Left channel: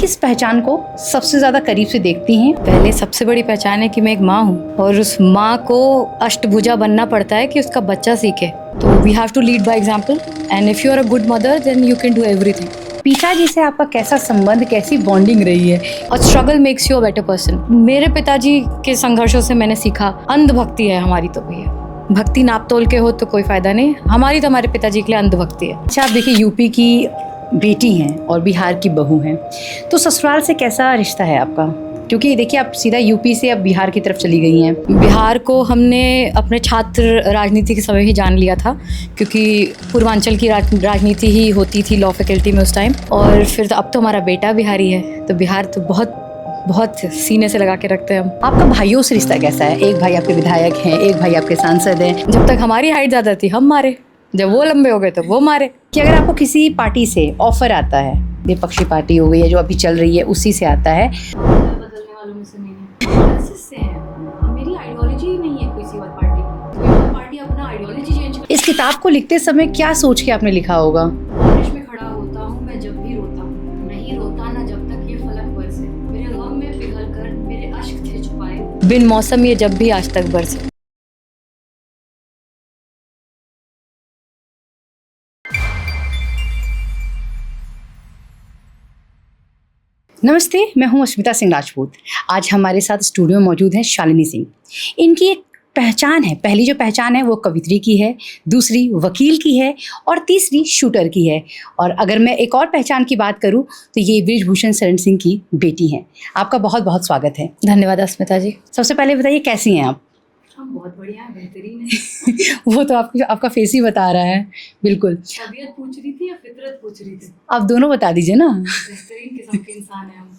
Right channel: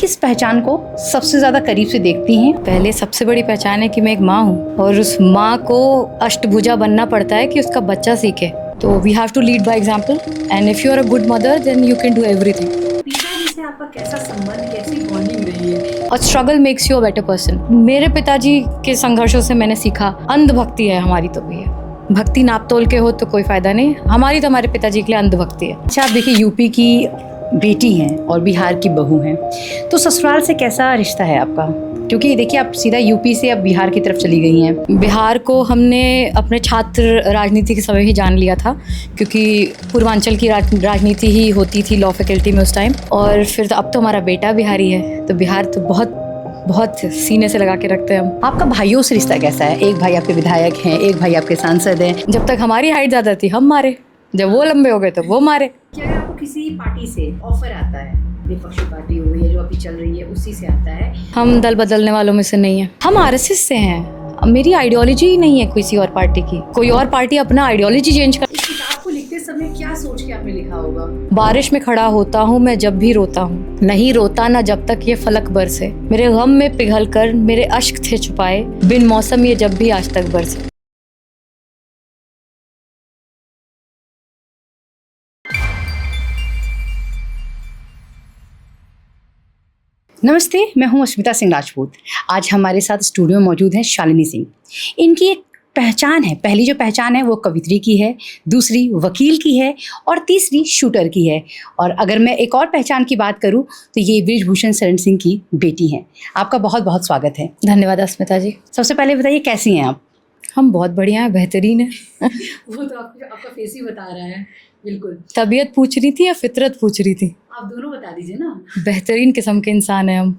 किस पहचान को सबसे ज़्यादा करीब से देखती हैं? पहले सबसे बड़ी पहचान है कि मैं एक माँ हूँ और उस माँ को अष्टभुजा बनना पड़ता है कि उसका बच्चा सीखे। तो we have to lead by example and if you are a good mother then you can do everything. पिताजी से आपका कैसा संबंध, कैसी बॉन्डिंग रही है? और struggle makes you a better person. मेरे पिताजी के संघर्षों से मैंने सीखा अंधभक्ति है हमारी, तो भैया भक्ति नाप तोल के हो तो कोई फायदा नहीं, हमारी तो हमारे पिताजी के लिए अंधभक्ति है। अच्छा, आप देखिए यूपी की बेटी हैं और बिहार की बहू हैं, तो ससुराल से कैसा रिश्ता है आपका? क्योंकि देखिए आप सीधा यूपी से अब बिहार की तरफ चली गई हैं। बिहार को हमने अपने छात्र राजनीति के समय ही जान लिया था, क्योंकि पूर्वांचल की राजनीति ही होती थी लॉ फैकल्टी में उस टाइम। और फिर तो अब तो हमारा बेटा बिहारी है, तो बिहार तो बहुत बहुत सीने से लगा के रखते हैं हम। आपका भाइयों से रिश्ता कैसा है? एक भाई आपके विधायक हैं, एक भाई आपके सांसद हैं। जब तक हमारी हाइट ज़्यादा थी हम मारे, जब वो लंबे हो गए तो वो मारे। कि अगर आपको किसी पार्टी से ऑफर आता है, विपक्षी पार्टी हो गई है जो अभी चल रही है, उसी से आता है। हम दल बदलने वालों में से नहीं है, हम आरएसएस से हैं। मेरी आइडियोलॉजी ही नहीं है किसी और पार्टी की। कोई और पार्टी अपना आइडियोलॉजी चेंज कर। इस किताब को लिखते समय क्या सोच के आपने लिखा होगा? बारिश में खड़ा होता हूँ मैं जब भी रोता हूँ, नहीं रोता ना जब तक ये फलक बरसे। मेरे गम में पिघल कर मेरे अश्क थे छुपाए, बिन मौसम ये जब भी आज तक बरसे। नमस्ते, मैं हूं अस्मिता सिंह राजपूत। आज हमारे साथ स्टूडियो में मौजूद हैं शालिनी सिंह। इनकी एक पहचान है, पहली जो पहचान है वो कवित्री की है, दूसरी वकील की है और तीसरी शूटर की है। और अगर मैं एक और पहचान की बात करूं तो ये बृजभूषण शरण सिंह की बेटी हैं। आपका बहुत बहुत स्वागत है। धन्यवाद अस्मिता जी। सबसे पहले बताइए कैसी हैं आप? हम बहुत बढ़िया हैं, बेहतरीन है। वो तो आपका फेस ही बता रहा है। बिल्कुल। तबीयत पूछ रही थी या फितरत पूछ रही थी? आप दोनों बता दीजिए ना। बेहतरीन किस्म के इंसान हैं हम।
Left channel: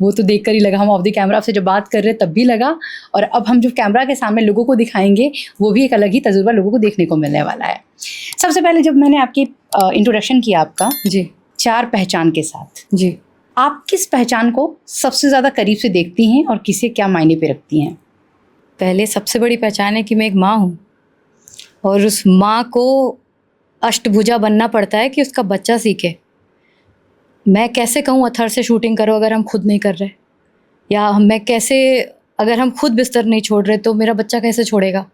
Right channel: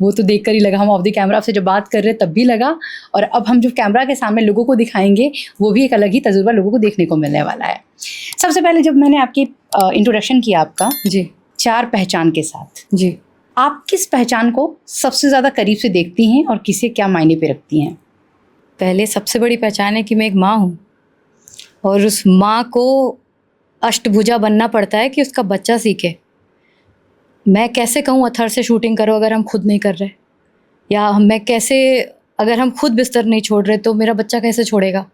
वो तो देख कर ही लगा, हम ऑफ द कैमरा आपसे जब बात कर रहे तब भी लगा, और अब हम जो कैमरा के सामने लोगों को दिखाएंगे वो भी एक अलग ही तजुर्बा लोगों को देखने को मिलने वाला है। सबसे पहले जब मैंने आपकी इंट्रोडक्शन किया आपका जी 4 पहचान के साथ, जी, आप किस पहचान को सबसे ज़्यादा करीब से देखती हैं और किसे क्या मायने पे रखती हैं? पहले सबसे बड़ी पहचान है कि मैं एक माँ हूँ और उस माँ को अष्टभुजा बनना पड़ता है कि उसका बच्चा सीखे। मैं कैसे कहूँ अथर से शूटिंग करो अगर हम खुद नहीं कर रहे, या मैं कैसे, अगर हम खुद बिस्तर नहीं छोड़ रहे तो मेरा बच्चा कैसे छोड़ेगा?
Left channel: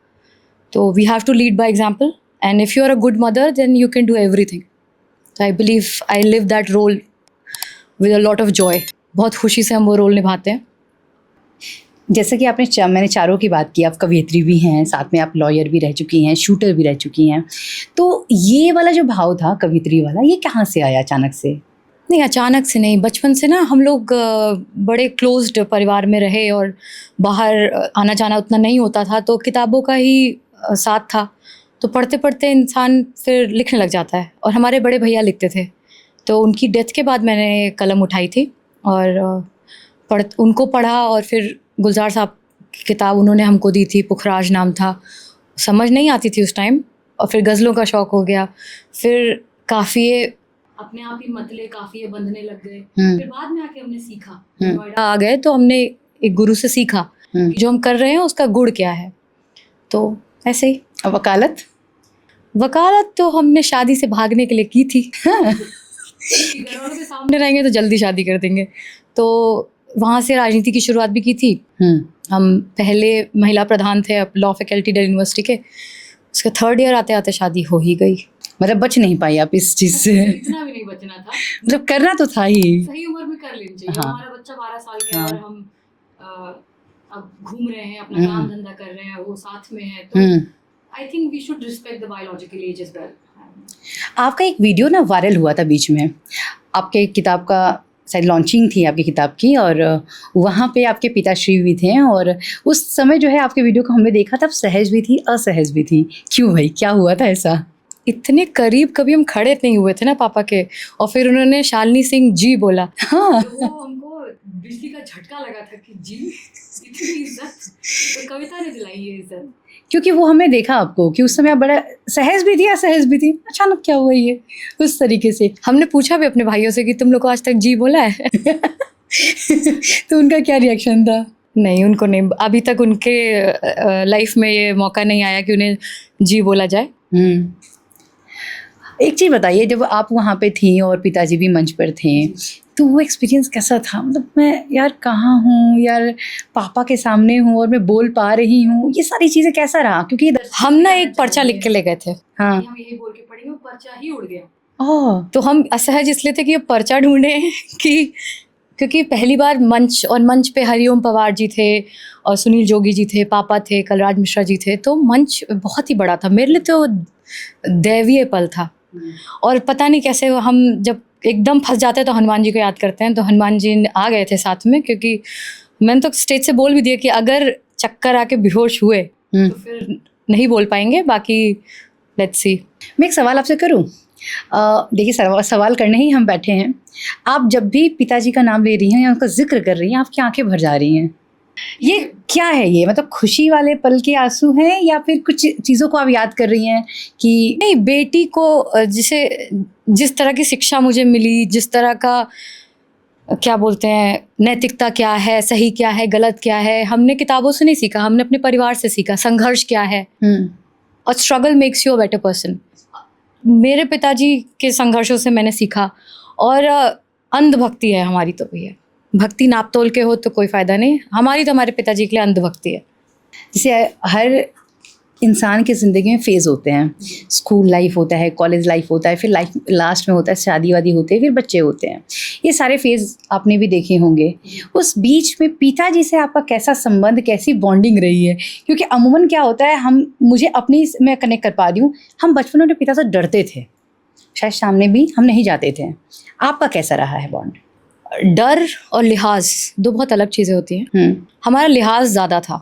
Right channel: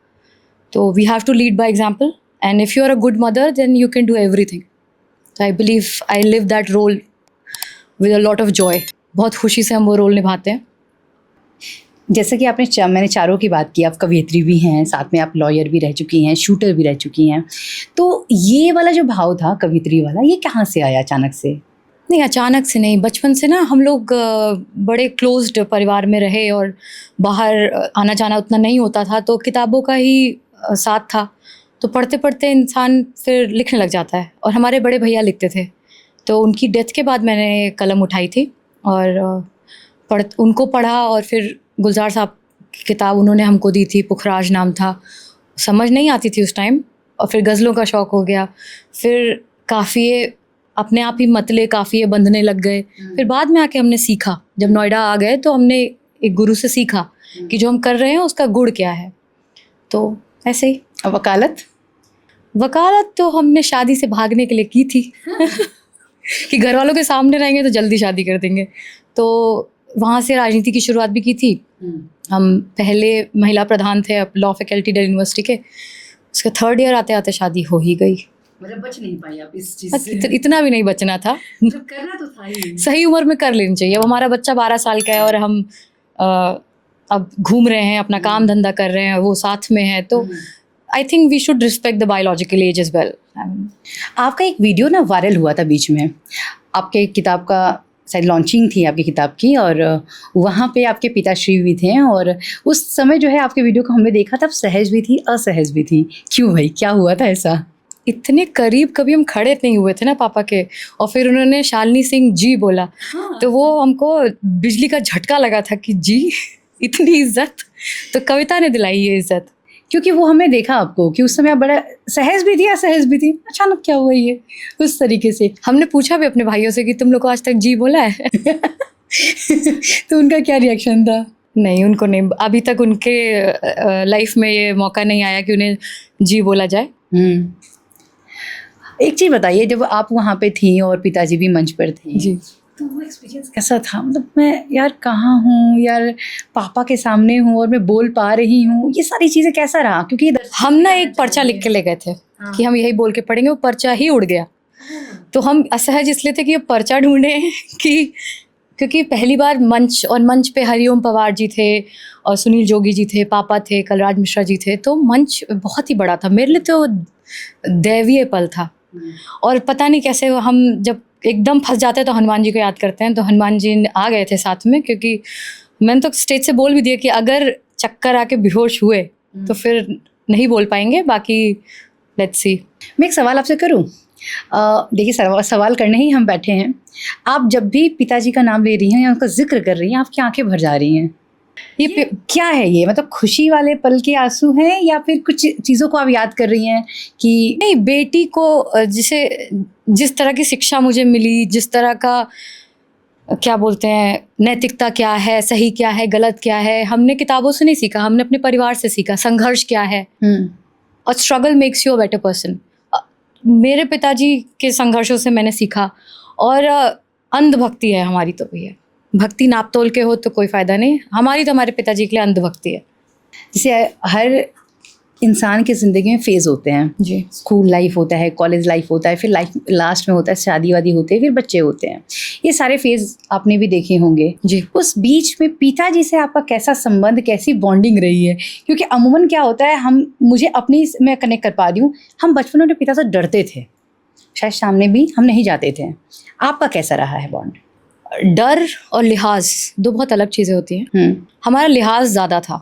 तो we have to lead by example and if you are a good mother then you can do everything. तो I believe I live that role with a lot of joy. बहुत खुशी से हम वो रोल निभाते हैं। जैसे कि मैंने चारों की बात की, आप कवियत्री भी हैं, साथ में आप लॉयर भी रह चुकी हैं, शूटर भी रह चुकी हैं। तो ये वाला जो भाव था कवित्री वाला, ये कहाँ से आया अचानक से? नहीं, अचानक से नहीं, बचपन से ना हम लोग बड़े क्लोज्ड परिवार में रहे और बाहर आना जाना उतना नहीं होता था, तो किताबों का ही साथ था। तो पढ़ते पढ़ते इंसान फिर लिखने लग जाता है, और हमारे बड़े भैया लिखते थे, तो उनकी डेथ के बाद मैंने कलम उठाई थी और उनको पढ़ा। और फिर गुलजार साहब की किताब उन्होंने हमको दी थी, पुखराज नाम था, समझ नहीं आती थी उस टाइम। और फिर गज़लों का शौक़ हो गया, फिर काफ़िए अपने आप ही मतले काफ़िए बंधने लग गए। फिर बाद में आके हमने सीखा, जब नोएडा आ गए तो हमने एक गुरु से सीखा कि जो हम कर रहे हैं उसका गुण क्या है। तो ऐसे ही। वकालत तो हमने शादी से भागने के लिए की थी। कि घर वालों के सामने रहेंगे तो जल्दी शादी कर देंगे, तो वहाँ से राजनीति की शुरुआत भी की थी। हम पहले महिला प्रधान थे लॉ फैकल्टी दिल्ली यूनिवर्सिटी के, उसके 3rd ईयर आते आते शादी हो ही गई। मतलब बच नहीं पाई आप इस चीज़ से? इतना भी नहीं बचना था, मतलब करना तो था ही, सही उम्र में कर लेनी चाहिए। हाँ। हमारा बच्चा 12 साल का है और हम अब घूम रहे हैं, अपना काम धंधा कर रहे हैं, वो साथ में है, तो I think we should respect the biological age as well. आपका एक वीडियो ना वायरल हुआ था बीच में, आपके किताब का शायद लॉन्चिंग थी आपकी किताब की, और वहाँ पे आपके पिताश्री भी थे, और उस समय जो है आपके वीडियो को हमने देखा था, सहज भी थी असहज भी थी। क्यों भाई, क्या हुआ था ऐसा? इतने करीब कभी हम खड़े नहीं हुए थे ना पापा के, और फिर उन्होंने शालिनी सिंह जी बोला। हाँ। तो वो हमको बिजली का झटका लगा था कि जी इतनी इज्जत, तो कविता ने दिलाई ये इज्जत। क्योंकि वो हमने देखा आपको कि उस समय आप बड़ा सहज भी थी असहज भी थी, अचानक क्या हुआ ये, उस तरीके से। हमने पूछा भी अपने भाइयों से कि तुम लोग को आज तक जी बोला है? तो उनका क्या रिएक्शन था? नहीं, उनको नहीं, अभी तक उनके लाइफ में ये मौका नहीं आया कि उन्हें जी बोला जाए। एक चीज़ बताइए, जब आप वहाँ पे थी और पिताजी भी मंच पर थे, तो वो एक्सपीरियंस कैसा था? मतलब मैं यार कहाँ हूँ यार, पापा के सामने हूँ और मैं बोल पा रही हूँ, ये सारी चीज़ें कैसा रहा? क्योंकि हम ना एक पर्चा लिख के ले गए थे हाँ। कि हम यही बोल के पढ़ेंगे, वो पर्चा ही उड़ गया। ओह! तो हम असहज इसलिए थे कि ये पर्चा ढूंढे कि क्योंकि पहली बार मंच पे हरिओम पवार जी थे और सुनील जोगी जी थे, पापा थे, कलराज मिश्रा जी थे, तो मंच बहुत ही बड़ा था मेरे लिए, तो दैवीय पल था। और पता नहीं कैसे हम जब एकदम फंस जाते हैं तो हनुमान जी को याद करते हैं, तो हनुमान जी आ गए थे साथ में, क्योंकि मैंने तो स्टेज से बोल भी दिया कि अगर चक्कर आके बेहोश हुए तो फिर नहीं बोल पाएंगे, बाकी लेट्स सी। मैं एक सवाल आपसे करूँ? देखिए सवाल करने ही हम बैठे हैं। आप जब भी पिताजी का नाम ले रही हैं या उनका ज़िक्र कर रही हैं, आपकी आँखें भर जा रही हैं। ये क्या है ये? मतलब खुशी वाले पल के आँसू हैं या फिर कुछ चीज़ों को आप याद कर रही हैं कि नहीं, बेटी को जिस तरह की शिक्षा मुझे मिली, जिस तरह का क्या बोलते हैं नैतिकता क्या है, सही क्या है, गलत क्या है, हमने किताबों से नहीं सीखा, हमने अपने परिवार से सीखा। संघर्ष क्या है और struggle makes you a better person. मेरे पिताजी के संघर्षों से मैंने सीखा। और अंधभक्ति है हमारी, तो भैया भक्ति नाप तोल के हो तो कोई फ़ायदा नहीं, हमारी तो हमारे पिताजी के लिए अंधभक्ति है। जैसे हर इंसान की ज़िंदगी में फेज़ होते हैं, स्कूल लाइफ होता है, कॉलेज लाइफ होता है, फिर लाइफ लास्ट में होता है शादी वादी होते हैं, फिर बच्चे होते हैं। ये सारे फेज़ आपने भी देखे होंगे जी। उस बीच में पिताजी से आपका कैसा संबंध, कैसी बॉन्डिंग रही है? क्योंकि अमूमन क्या होता है, मैं कनेक्ट कर पा रही हूँ, हम बचपन में अपने पिता से डरते थे, शायद सामने भी हम नहीं जाते थे। आपका कैसा रहा है बॉन्ड? डर और लिहाज दो बहुत अलग चीज़ें होती हैं। हमारा लिहाज ज़्यादा था,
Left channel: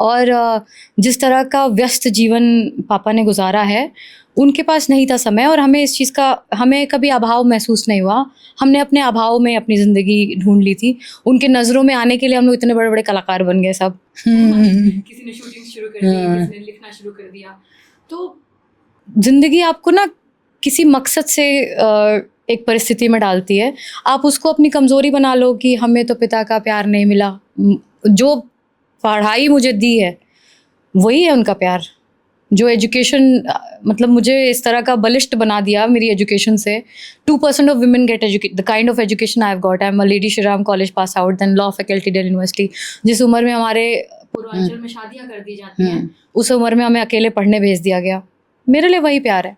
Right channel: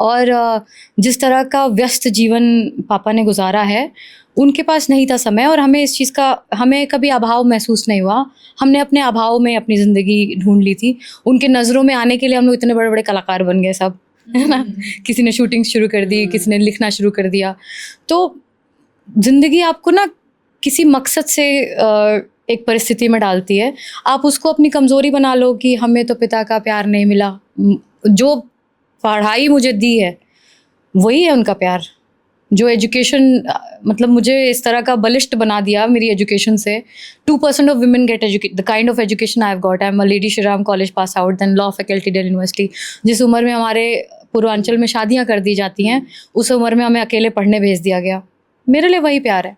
और जिस तरह का व्यस्त जीवन पापा ने गुजारा है, उनके पास नहीं था समय, और हमें इस चीज़ का, हमें कभी अभाव महसूस नहीं हुआ। हमने अपने अभाव में अपनी ज़िंदगी ढूंढ ली थी। उनके नज़रों में आने के लिए हम लोग इतने बड़े बड़े कलाकार बन गए सब, है ना। किसी ने शूटिंग शुरू कर दी, किसी ने लिखना शुरू कर दिया। तो ज़िंदगी आपको ना किसी मकसद से एक परिस्थिति में डालती है। आप उसको अपनी कमज़ोरी बना लो कि हमें तो पिता का प्यार नहीं मिला। जो पढ़ाई मुझे दी है वही है उनका प्यार। जो एजुकेशन, मतलब मुझे इस तरह का बलिष्ठ बना दिया मेरी एजुकेशन से। 2% of women get the kind of education I have got. I am a Lady Shri Ram College pass out, then law faculty Delhi University. जिस उम्र में हमारे पूर्वांचल में शादियाँ कर दी जाती हैं, उस उम्र में हमें अकेले पढ़ने भेज दिया गया। मेरे लिए वही प्यार है।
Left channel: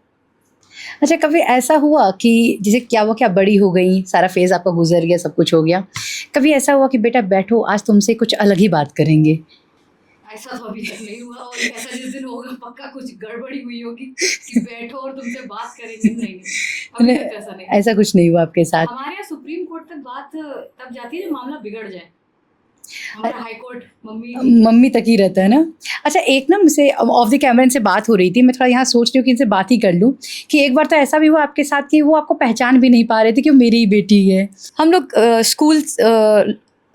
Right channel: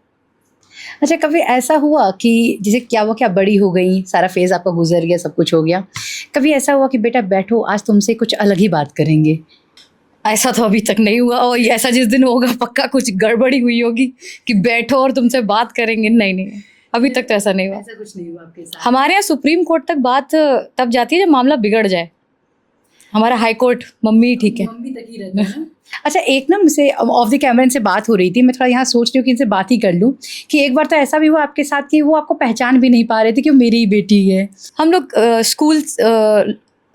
अच्छा, कभी ऐसा हुआ कि जैसे क्या बड़ी हो गई, सारा फेज़ आपका गुजर गया, सब कुछ हो गया, कभी ऐसा हुआ कि बेटा बैठो, आज तुमसे कुछ अलग ही बात करेंगे? ऐसा तो अभी तक नहीं हुआ, और ऐसा जिस दिन होगा पक्का कुछ गड़बड़ी हुई होगी कि बैठो और तुमसे बात करेंगे। नहीं, अभी तक तो ऐसा नहीं हुआ। ऐसा कुछ नहीं हुआ आपके साथ? हमारे यहाँ सुप्रीम कोर्ट तक बात तब जाती है जब मामला बिगड़ जाए। हमारा हाई कोर्ट मम्मी ठीक है, मम्मी तक ही रहता है ना। अच्छा, एक ना मुझसे ऑफ द कैमरा इनसे बात हो रही थी, मैं थोड़ा यहाँ सोच रही हूँ कि इनसे बात ही कर लूँ, कि एक बार तो ऐसा भी हुआ आपके साथ कि वो आपको पहचान भी नहीं पा रहे थे कि वो मेरी ही बेटी है। हम लोग स्कूल,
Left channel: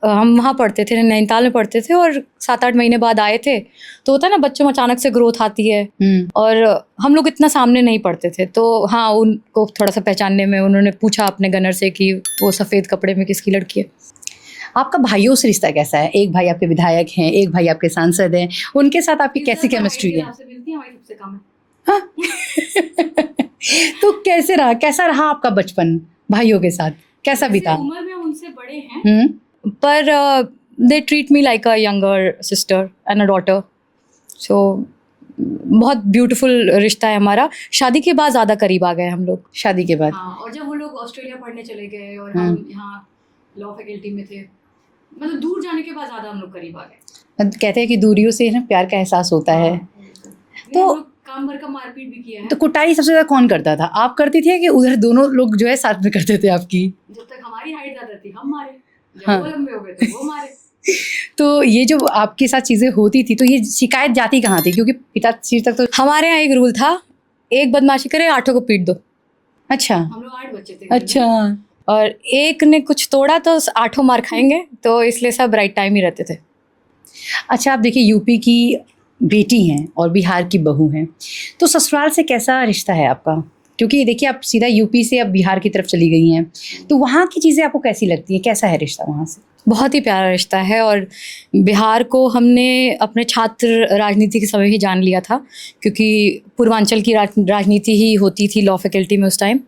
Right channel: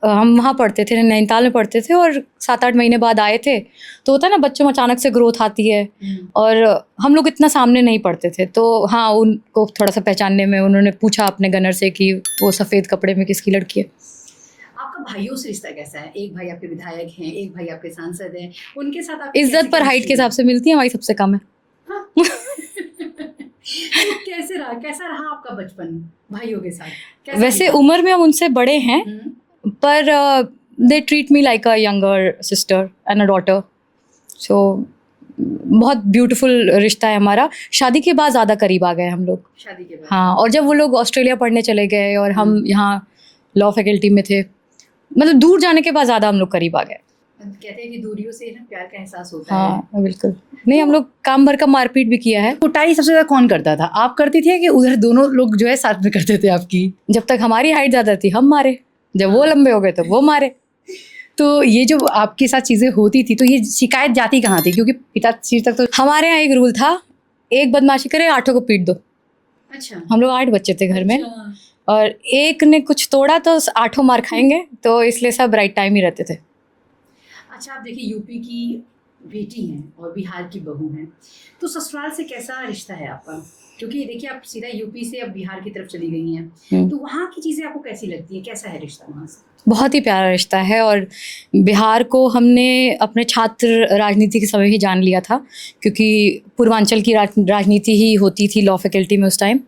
हम वहाँ पढ़ते थे, नैनीताल में पढ़ते थे, और 7-8 महीने बाद आए थे। तो होता है ना, बच्चों में अचानक से ग्रोथ आती है, और हम लोग इतना सामने नहीं पढ़ते थे, तो हाँ, उनको थोड़ा सा पहचानने में उन्होंने पूछा अपने गनर से कि वो सफ़ेद कपड़े में किसकी लड़की है। आपका भाइयों से रिश्ता कैसा है? एक भाई आपके विधायक हैं, एक भाई आपके सांसद हैं, उनके साथ आपकी इज्जत पर हाइट के हिसाब से मिलती है, हमारी सबसे कम है। हाँ? तो कैसा रहा आपका बचपन भाइयों के साथ? कैसा वैसे बीता? उम्र में हम उनसे बड़े हैं, पर they treat me like a younger sister and a daughter. So बहुत ब्यूटीफुल रिश्ता है हमारा। शादी के बाद ज़्यादा करीब आ गए हम लोग। शादी के बाद? हाँ, और जब वो लोग ऑस्ट्रेलिया पढ़ने चले गए और हम यहाँ लॉ फैकल्टी में थे, मतलब दूर जाने के बाद ज़्यादा हम लोग करीब आ गए। कहते हैं कि दूरियों से ना प्यार का एहसास होता है। बिल्कुल। नहीं, हम लोग काम भर का मारपीट भी किया है। तो कुटाई सबसे ज़्यादा कौन करता था? आप करती थी कि उधर दोनों लोग जो है साथ में करते थे आपकी? जब तक हमारी हाइट ज़्यादा थी हम मारे, जब वो लंबे हो गए तो वो मारे। तो ये जो आपके साथ चीज़ें होती थी, तो ये शिकायत जाती कहाँ थी? क्योंकि पिताजी तक तो हमारे यहाँ एक रूल था, एक बदमाशी करे 8 को पीट दो। अच्छा। हम लोग 8 बच्चे थे घर में, और एक ने कुछ तोड़ा तो 8 मार खाएंगे, तो इसलिए सब राइट टाइम ही रहते थे। अच्छा, आप देखिए यूपी की बेटी हैं और बिहार की बहू हैं, तो ससुराल से कैसा रिश्ता है आपका? क्योंकि देखिए आप सीधा यूपी से अब बिहार की तरफ चली गई हैं, तो वहाँ की चीज़ें आपको कैसी लगती हैं? कैसा है रिश्ता वहाँ से? बहुत ही प्यारा रिश्ता है, और बिहार को हमने अपने छात्र राजनीति के समय ही जान लिया था, क्योंकि पूर्वांचल की राजनीति ही होती थी लॉ फैकल्टी में उस टाइम।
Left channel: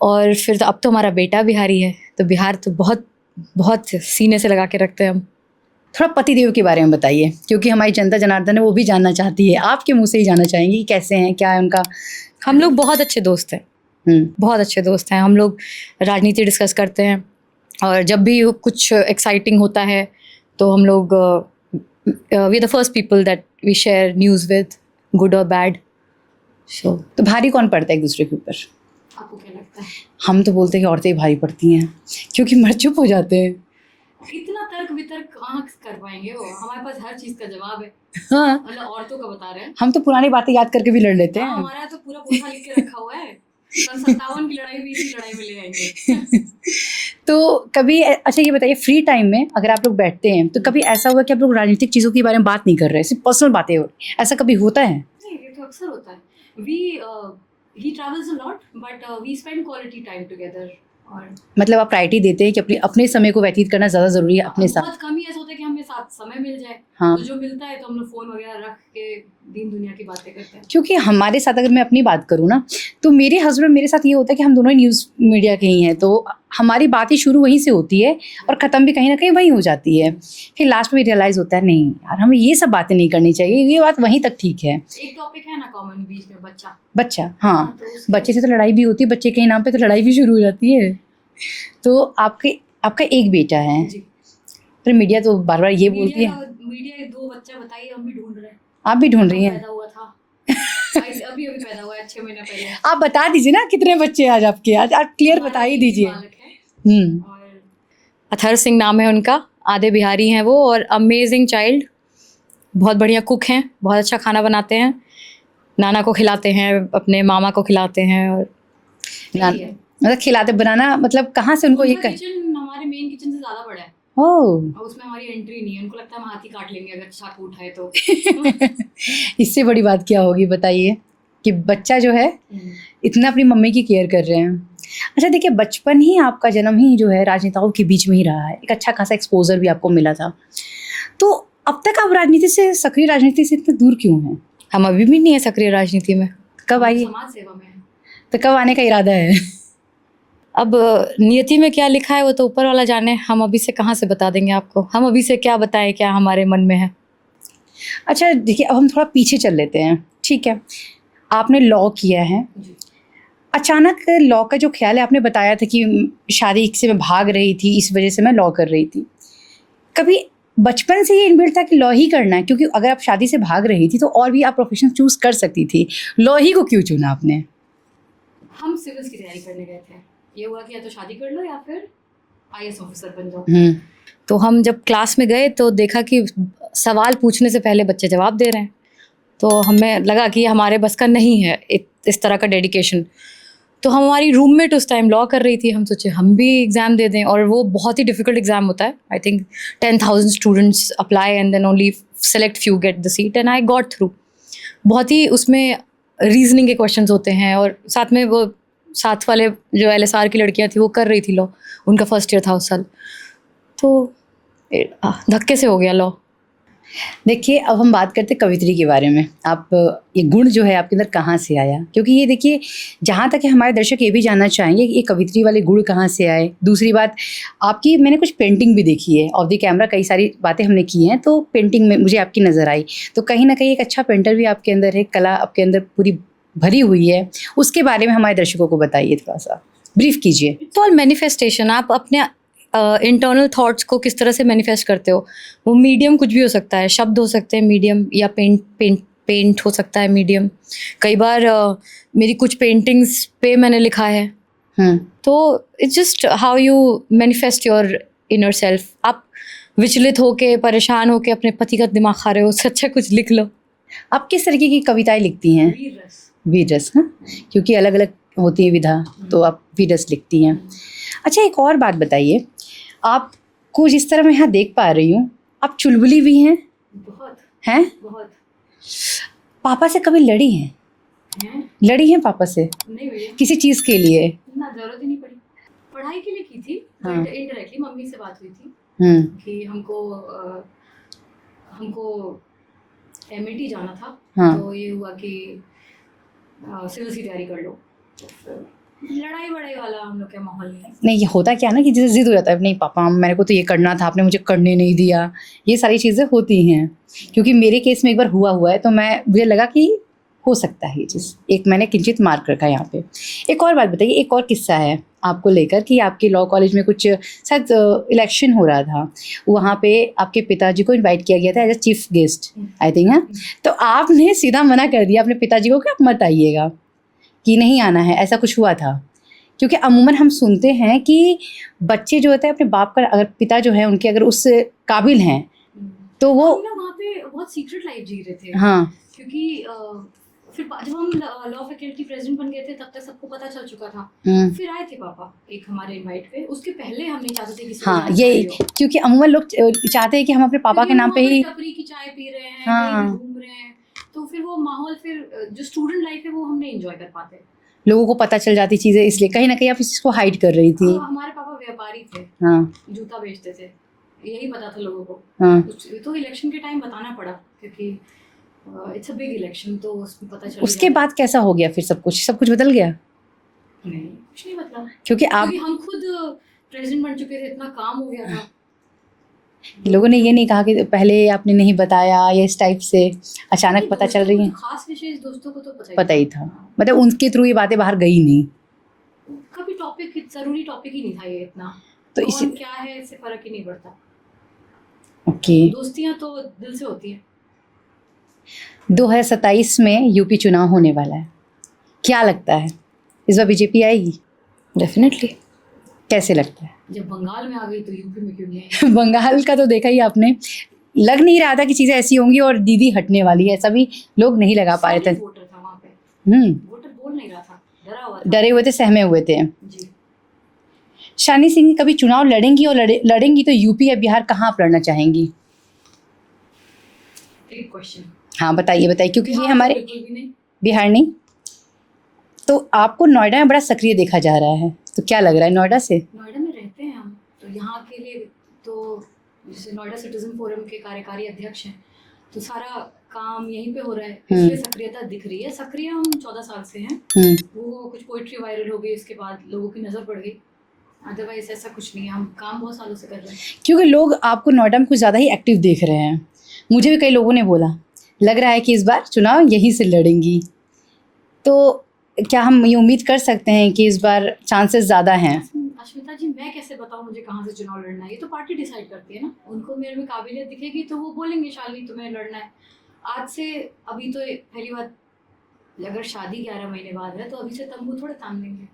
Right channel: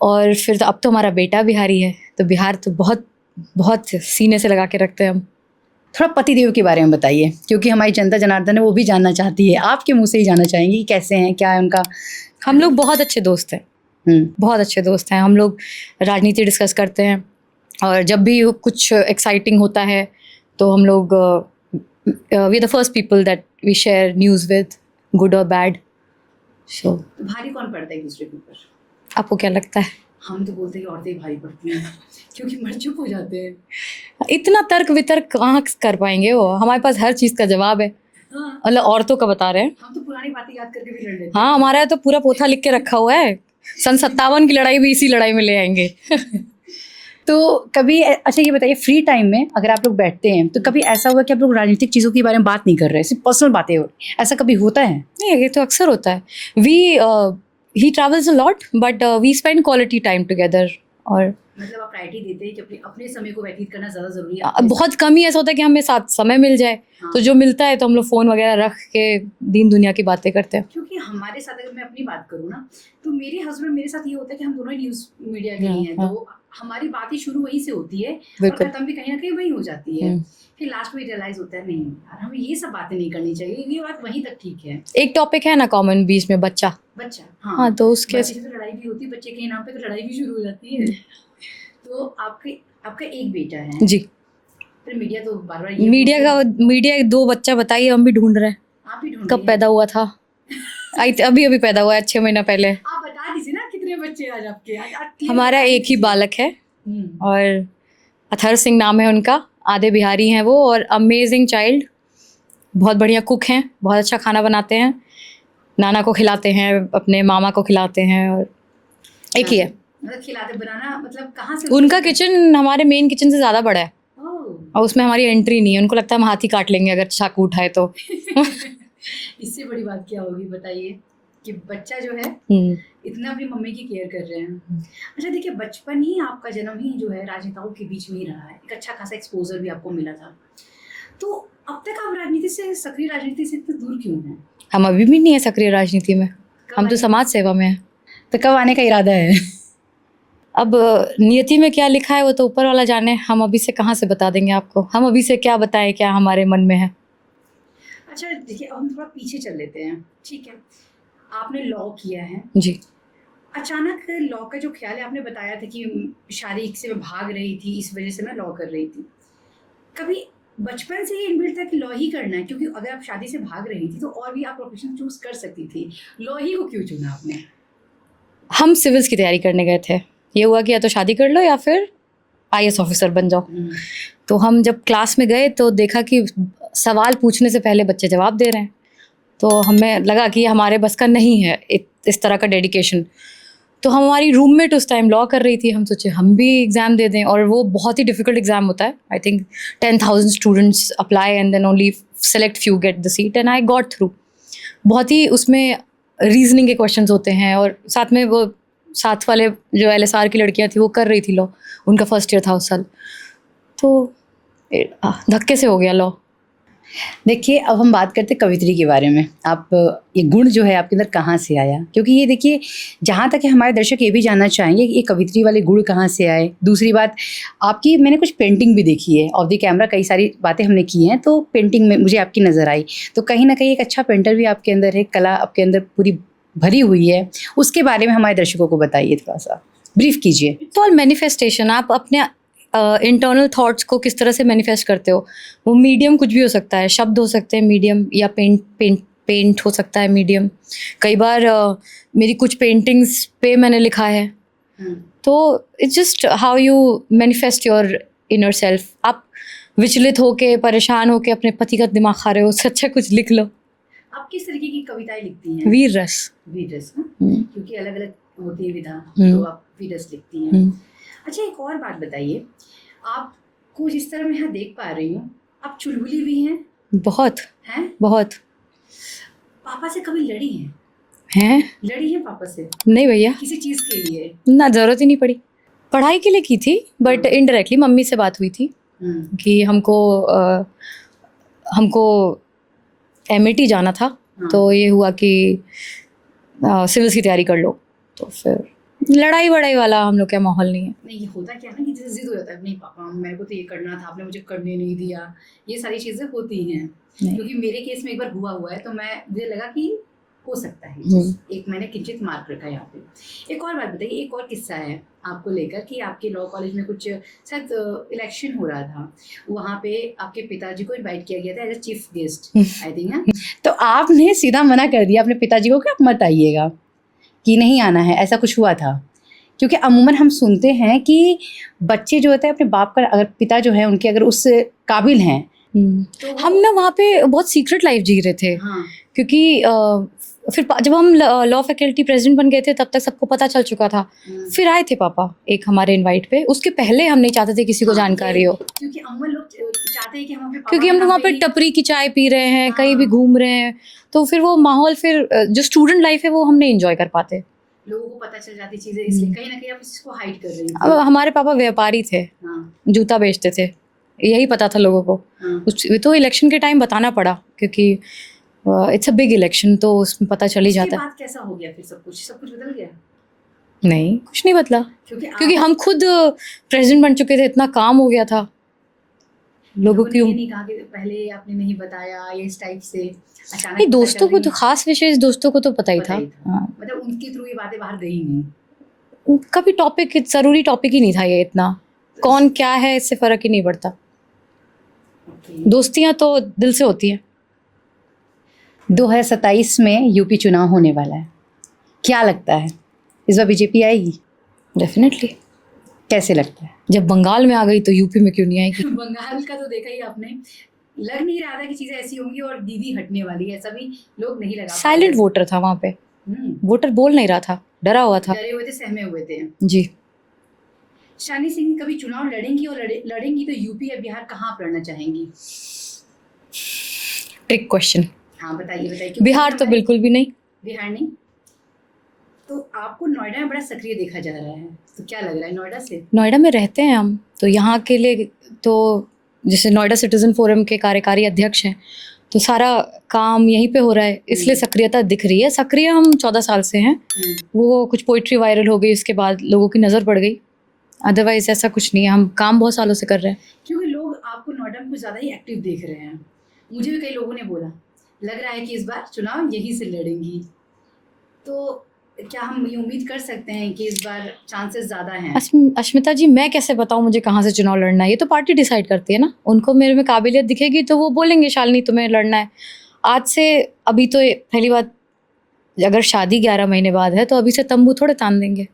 और फिर तो अब तो हमारा बेटा बिहारी है, तो बिहार तो बहुत बहुत सीने से लगा के रखते हैं हम। थोड़ा पतिदेव के बारे में बताइए, क्योंकि हमारी जनता जनार्दन है वो भी जानना चाहती है, आपके मुंह से ही जानना चाहेंगी कि कैसे हैं, क्या है उनका। हम लोग बहुत अच्छे दोस्त हैं, बहुत अच्छे दोस्त हैं। हम लोग राजनीति डिस्कस करते हैं, और जब भी कुछ एक्साइटिंग होता है तो हम लोग we the first people that we share news with, good और बैड। सो तो भारी कौन पड़ता है एक दूसरे के ऊपर? आपको क्या लगता है? हम तो बोलते हैं कि औरतें ही भारी पड़ती हैं, क्योंकि मर्द चुप हो जाते हैं। इतना तर्क वितर्क कहाँ कर पाएंगे वो, हमारे पास हर चीज़ का जवाब है। हाँ, मतलब औरतों का बता रहे हैं। हम तो पुरानी बातें याद करके भी लड़ लेते हैं। हाँ, हमारा तो पूरा पोथा लिख के रखा हुआ है, सन 57 की लड़ाई भी इसी लड़ाई में ले आएंगे। तो कभी अच्छा ये बताइए, फ्री टाइम में अगर आप लोग बैठते हैं तो कभी ऐसा हुआ कि आप लोग राजनीतिक चीज़ों के बारे में बात नहीं कर रहे, सिर्फ पर्सनल बातें हो रही, ऐसा कभी होता है? नहीं, ये तो अक्सर होता है। We he travels a lot, but we spend quality time together. और मतलब आप प्रायोरिटी देते हैं कि अपने अपने समय को व्यतीत करना ज़्यादा ज़रूरी है अपने बहुत कम ही ऐसा होता है कि हमें साथ समय मिल जाए। हाँ। तो जो मिलता है तो हम लोग फ़ोन वगैरह रख के दीन दुनिया की बातें करते हैं। क्योंकि हमारे साथ अगर मैं अपनी बात करूँ ना, तो मेरे हस्बैंड मेरे साथ ये होता है कि हम दोनों ही न्यूज़ मीडिया के ही हैं, तो हमारी बात ही शुरू वहीं से होती है और बिल्कुल। ख़त्म भी कहीं ना कहीं वहीं हो जाती है। हम्म। फिर लास्ट में रियलाइज़ होता है नहीं यार, हमें ये सब बातें नहीं करनी चाहिए, ये बात वहीं तक ठीक है। एक टॉपिक है ना कॉमन बीच में, बच्चा। बच्चा, हाँ, हाँ, तो उसके बच्चे से तो लड़ाई भी होती है, बच्चे के नाम पे तो लड़ाई भी शुरू हो जाती है। तो आपका एक बेटा है जी। फिर मीडिया तो बार बार ये मीडिया 2 बच्चा बताइए, हम भी ढूंढ रहे हैं। आप भी ढूंढ कब रही हैं? पैदा हुआ था? अभी पैदा हुआ है, 6 महीना पहले। आप बता दीजिए ना कितने बच्चे हैं आज आपके, आज आप क्लियर हमारा बता ही एक ही दीजिए। बालक है, हम्म, और अथर सिंह नाम है उनका। आधे बिहारी हैं वो, और अमेजिंग चाइल्ड, बहुत बढ़िया कुक हैं, बहुत अच्छा खाना बनाते हैं, नाना को खिलाते हैं, अपने मामा को खिलाते हैं। और एक ही है मतलब खिलाते बनाना, मतलब कहाँ से उनको उनका ये किचन हमारे मेन किचन से ज़्यादा बड़ा है, ओह और उसमें हमारी एंट्री नहीं है। उनको लगता है हम हाथ ही काट लेंगे अगर चाकू उठाए तो। इससे बड़ी बात क्या होगी बताइए, कि बच्चा जो है इतना अपनी मम्मी की केयर कर रहे हैं। अच्छा देखिए, बचपन ही आपका जन्म ही जो है राजनेताओं के बीच में ही रहा है, एक अच्छा खासा एक्सपोजर भी आपको मिला था। तो अब तक आप राजनीति से, सक्रिय राजनीति से इतने दूर क्यों हैं? हम अभी भी नहीं है सक्रिय राजनीति में, कब हम तो आइए? समाज सेवा में है। तो कब आने का इरादा है? अब नियति में क्या लिखा है वो तो ऊपर वाला जाने, हम अभी से कहाँ से बता देंगे आपको। हम अभी से क्या बताएं क्या हमारे मन में है। अच्छा देखिए, अब हम थोड़ा पीछे चल लेते हैं, ठीक है? आपने लॉ किया है जी। अचानक लॉ का जो ख्याल है, आपने बताया था कि शादी से मैं भाग रही थी, इस वजह से मैं लॉ कर रही थी। कभी बचपन से ये इनबिल्ट था कि लॉ ही करना है? क्योंकि अगर आप शादी से भाग रही थी तो और भी आप प्रोफेशन चूज कर सकती थी, लॉ ही को क्यों चुना आपने? हम सिविल्स की तैयारी करने गए थे, ये हुआ कि या तो शादी कर लो या फिर IAS ऑफिसर बन जाओ। तो हम जब क्लास में गए तो देखा कि सवाल पूछने से पहले बच्चे जवाब दे रहे हैं, तो हमें लगा कि हमारे बस का नहीं है इस तरह का डेडिकेशन। तो हमारी रूममेट उस टाइम लॉ कर रही थी, हम सोचे हम भी एग्ज़ाम दे दें, और वो बहुत ही डिफ़िकल्ट एग्ज़ाम होता है। I think 10,000 students apply and then only select few get the seat, and I got through. बहुत ही उसमें रीजनिंग के क्वेश्चंस होते हैं, और साथ में वो साथ वाले जो LSR की लड़कियां थी वो कर रही थी लॉ, उनका फर्स्ट ईयर था उस साल, तो धक्के से हो गया लॉ। देखिए, अब हम बात करते हैं कवित्री के बारे में। आप ये गुण जो है आपके अंदर कहाँ से आया? क्योंकि ये देखिए, जहाँ तक है हमारे दर्शक ये भी जानना चाहेंगे कि ये कवित्री वाले गुण कहाँ से आए। दूसरी बात, आपकी मैंने कुछ पेंटिंग भी देखी है, ऑफ द कैमरा कई सारी बातें हमने की हैं, तो पेंटिंग में मुझे आपकी नज़र आई। तो कहीं ना कहीं एक अच्छा पेंटर भी आपके अंदर है, कला आपके अंदर पूरी भरी हुई है। उसके बारे में हमारे दर्शकों को बताइए, थोड़ा सा ब्रीफ कीजिए। तो ऑल मैनिफेस्टेशन, आप अपने इंटरनल थॉट्स को किस तरह से मैनिफेस्ट करते हो। वो मीडियम कुछ भी हो सकता है, शब्द हो सकते हैं मीडियम, या पेंट हो सकता है मीडियम। कई बार मेरी कुछ पेंटिंग्स पे मैंने लिखा है। तो it's just how you manifest your inner self. आप विचलित होके, परेशान होके अपने पति का दिमाग खा रहे हो, उससे अच्छा कुछ लिख लो। आप किस तरीके की कविताएं लिखती हैं? वीर रस। वीर रस, हाँ, क्योंकि अलग अलग होती है विधा, तो आप वीर रस लिखती हैं। अच्छा, एक और बात बताइए, आपको जिस तरह मैं यहाँ देख पा रही हूँ, आप चुलबुली भी हैं। बहुत हैं? बहुत। पापा से कभी लड़ी हैं? लड़ी हैं पापा से? नहीं भैया, किसी चीज़ के लिए? ना, ज़रूरत ही नहीं पड़ी। पढ़ाई के लिए की थी, बट इनडायरेक्टली मम्मी से बात हुई थी कि हमको MIT जाना था। तो ये हुआ कि सिविल्स की तैयारी कर लो, तो फिर लड़ाई वड़ाई वाला हम लोग का माहौल नहीं है। नहीं, ये होता क्या है ना कि जैसे जिद हो जाता है, नहीं पापा मेरे को तो ये करना था, आपने मुझे करने नहीं दिया, ये सारी चीज़ें होती हैं। नहीं। क्योंकि मेरे केस में एक बार हुआ है, तो मुझे लगा कि हो सकता है ये चीज़, एक मैंने किंचित मार्क रखा यहाँ पे। एक और बात बताइए, एक और किस्सा है आपको लेकर कि आपके लॉ कॉलेज में कुछ शायद इलेक्शन हो रहा था, वहाँ पे आपके पिताजी को इनवाइट किया गया था as a chief guest, I think है। तो आपने सीधा मना कर दिया अपने पिताजी को कि आप मत आइएगा, कि नहीं आना है, ऐसा कुछ हुआ था? क्योंकि अमूमन हम सुनते हैं कि बच्चे जो होते हैं अपने बाप का, अगर पिता जो है उनके अगर उस काबिल हैं तो वो हम ना वहाँ पे बहुत सीक्रेट लाइफ जी रहे थे। हाँ, क्योंकि फिर जब हम लॉ फैकल्टी प्रेसिडेंट बन गए थे तब तक सबको पता चल चुका था। फिर आए थे पापा एक हमारे इनवाइट पे, उसके पहले हम नहीं चाहते थे किसी को जानकारी हो, क्योंकि अमूमन लोग चाहते हैं कि हम अपने पापा क्योंकि के हम नाम वहाँ पे पे ही टपरी की चाय पी रहे हैं, कहीं भी घूम रहे हैं, तो फिर वो माहौल, फिर जो स्टूडेंट लाइफ है वो हम नहीं एंजॉय कर पाते। लोगों को पता चल जाती चीजें, इसलिए कहीं ना कहीं आप इस चीज को हाइड कर रही थी। हमारे पापा व्यापारी थे, जूता बेचते थे, यही पता था लोगों को। तो इलेक्शन के टाइम बताना पड़ा, क्योंकि इट्स अ बिग इलेक्शन, तो उसमें पता चल ही जाता है। उसके बाद कैसा हो गया फिर? सब कुछ बदल गया? नहीं, कुछ नहीं बदला, क्योंकि हम खुद प्रेसिडेंट बन चुके थे, इतना काम हो गया था। लोगों ने ये नहीं कहा कि पहले आपने नहीं बताया, या इस टाइप से अचानक पता चल रही है? तो खास विशेष दोस्तों को तो पता ही था। मतलब उनके थ्रू ये बातें बाहर गई नहीं कभी। टॉपिक ज़रूरी टॉपिक ही नहीं था ये इतना, तो कौन क्या है इससे फ़र्क ही नहीं पड़ता। ओके, दोस्तियाँ तो दिल से होती हैं। 2027 में यूपी चुनाव होने वाला है, क्या लगता है इस बार बीजेपी आएगी? डेफिनेटली। कैसे लगता है? जब बंगाल में आ गई तो यूपी में क्यों नहीं आएगी? बंगाल का तो देखा ही आपने, लग नहीं रहा था कि चीज़ें ऐसी होंगी और दीदी हटने वाली है, ऐसा भी लोग नहीं लगा पाए थे। साइलेंट वोटर था वहाँ पे, वोटर बोल नहीं रहा था, डरा हुआ था, डरे हुए थे, सहमे हुए थे जी। शालिनी सिंह कभी चुनाव लड़ेंगी, और लड़ेंगी तो यूपी या बिहार, कहाँ आप लड़ना चाहेंगी? Trick question. हाँ बताइए क्योंकि बिहार तो बिल्कुल भी नहीं। बिहार नहीं? तो आपको नोएडा में बड़ा सक्रिय देखा जा रहा है, तो क्या लग रहा है नोएडा से? नोएडा में रहते हैं हम, तो यहाँ के लिए तो जैसे नोएडा सिटीजन फोरम के कार्यकारी अध्यक्ष हैं, तो सारा काम यहीं पे हो रहा है, इसलिए सक्रियता दिख रही है। सक्रिय हम 14 साल से हैं। वो कुछ पोइट्री वायरल हो गई, उसके बाद लोगों की नज़र पड़ गई, अदरवाइज ऐसा कुछ नहीं है। हम काम बहुत सालों से कर रहे हैं। क्योंकि लोग आपको नोएडा में कुछ ज़्यादा ही एक्टिव देख रहे हैं, मुझे भी कई लोगों ने बोला, लग रहा है कि इस बार चुनाव यहीं से लड़ेंगी, तो क्या हम ये उम्मीद कर सकते हैं कि इस बार चांसेस ज़्यादा हैं? अश्मिता जी, मैं कैसे बताऊं मुझे कहाँ से चुनाव लड़ना है? ये तो पार्टी डिसाइड करती है ना, उनको मेरे में काबिलियत दिखेगी तो वो बोलेंगे शालिनी तुम्हें लड़ना है। आज से अभी तो पहली बात, अगर शादी 11 महीने बाद है तो अभी से तंबू थोड़े तान देंगे,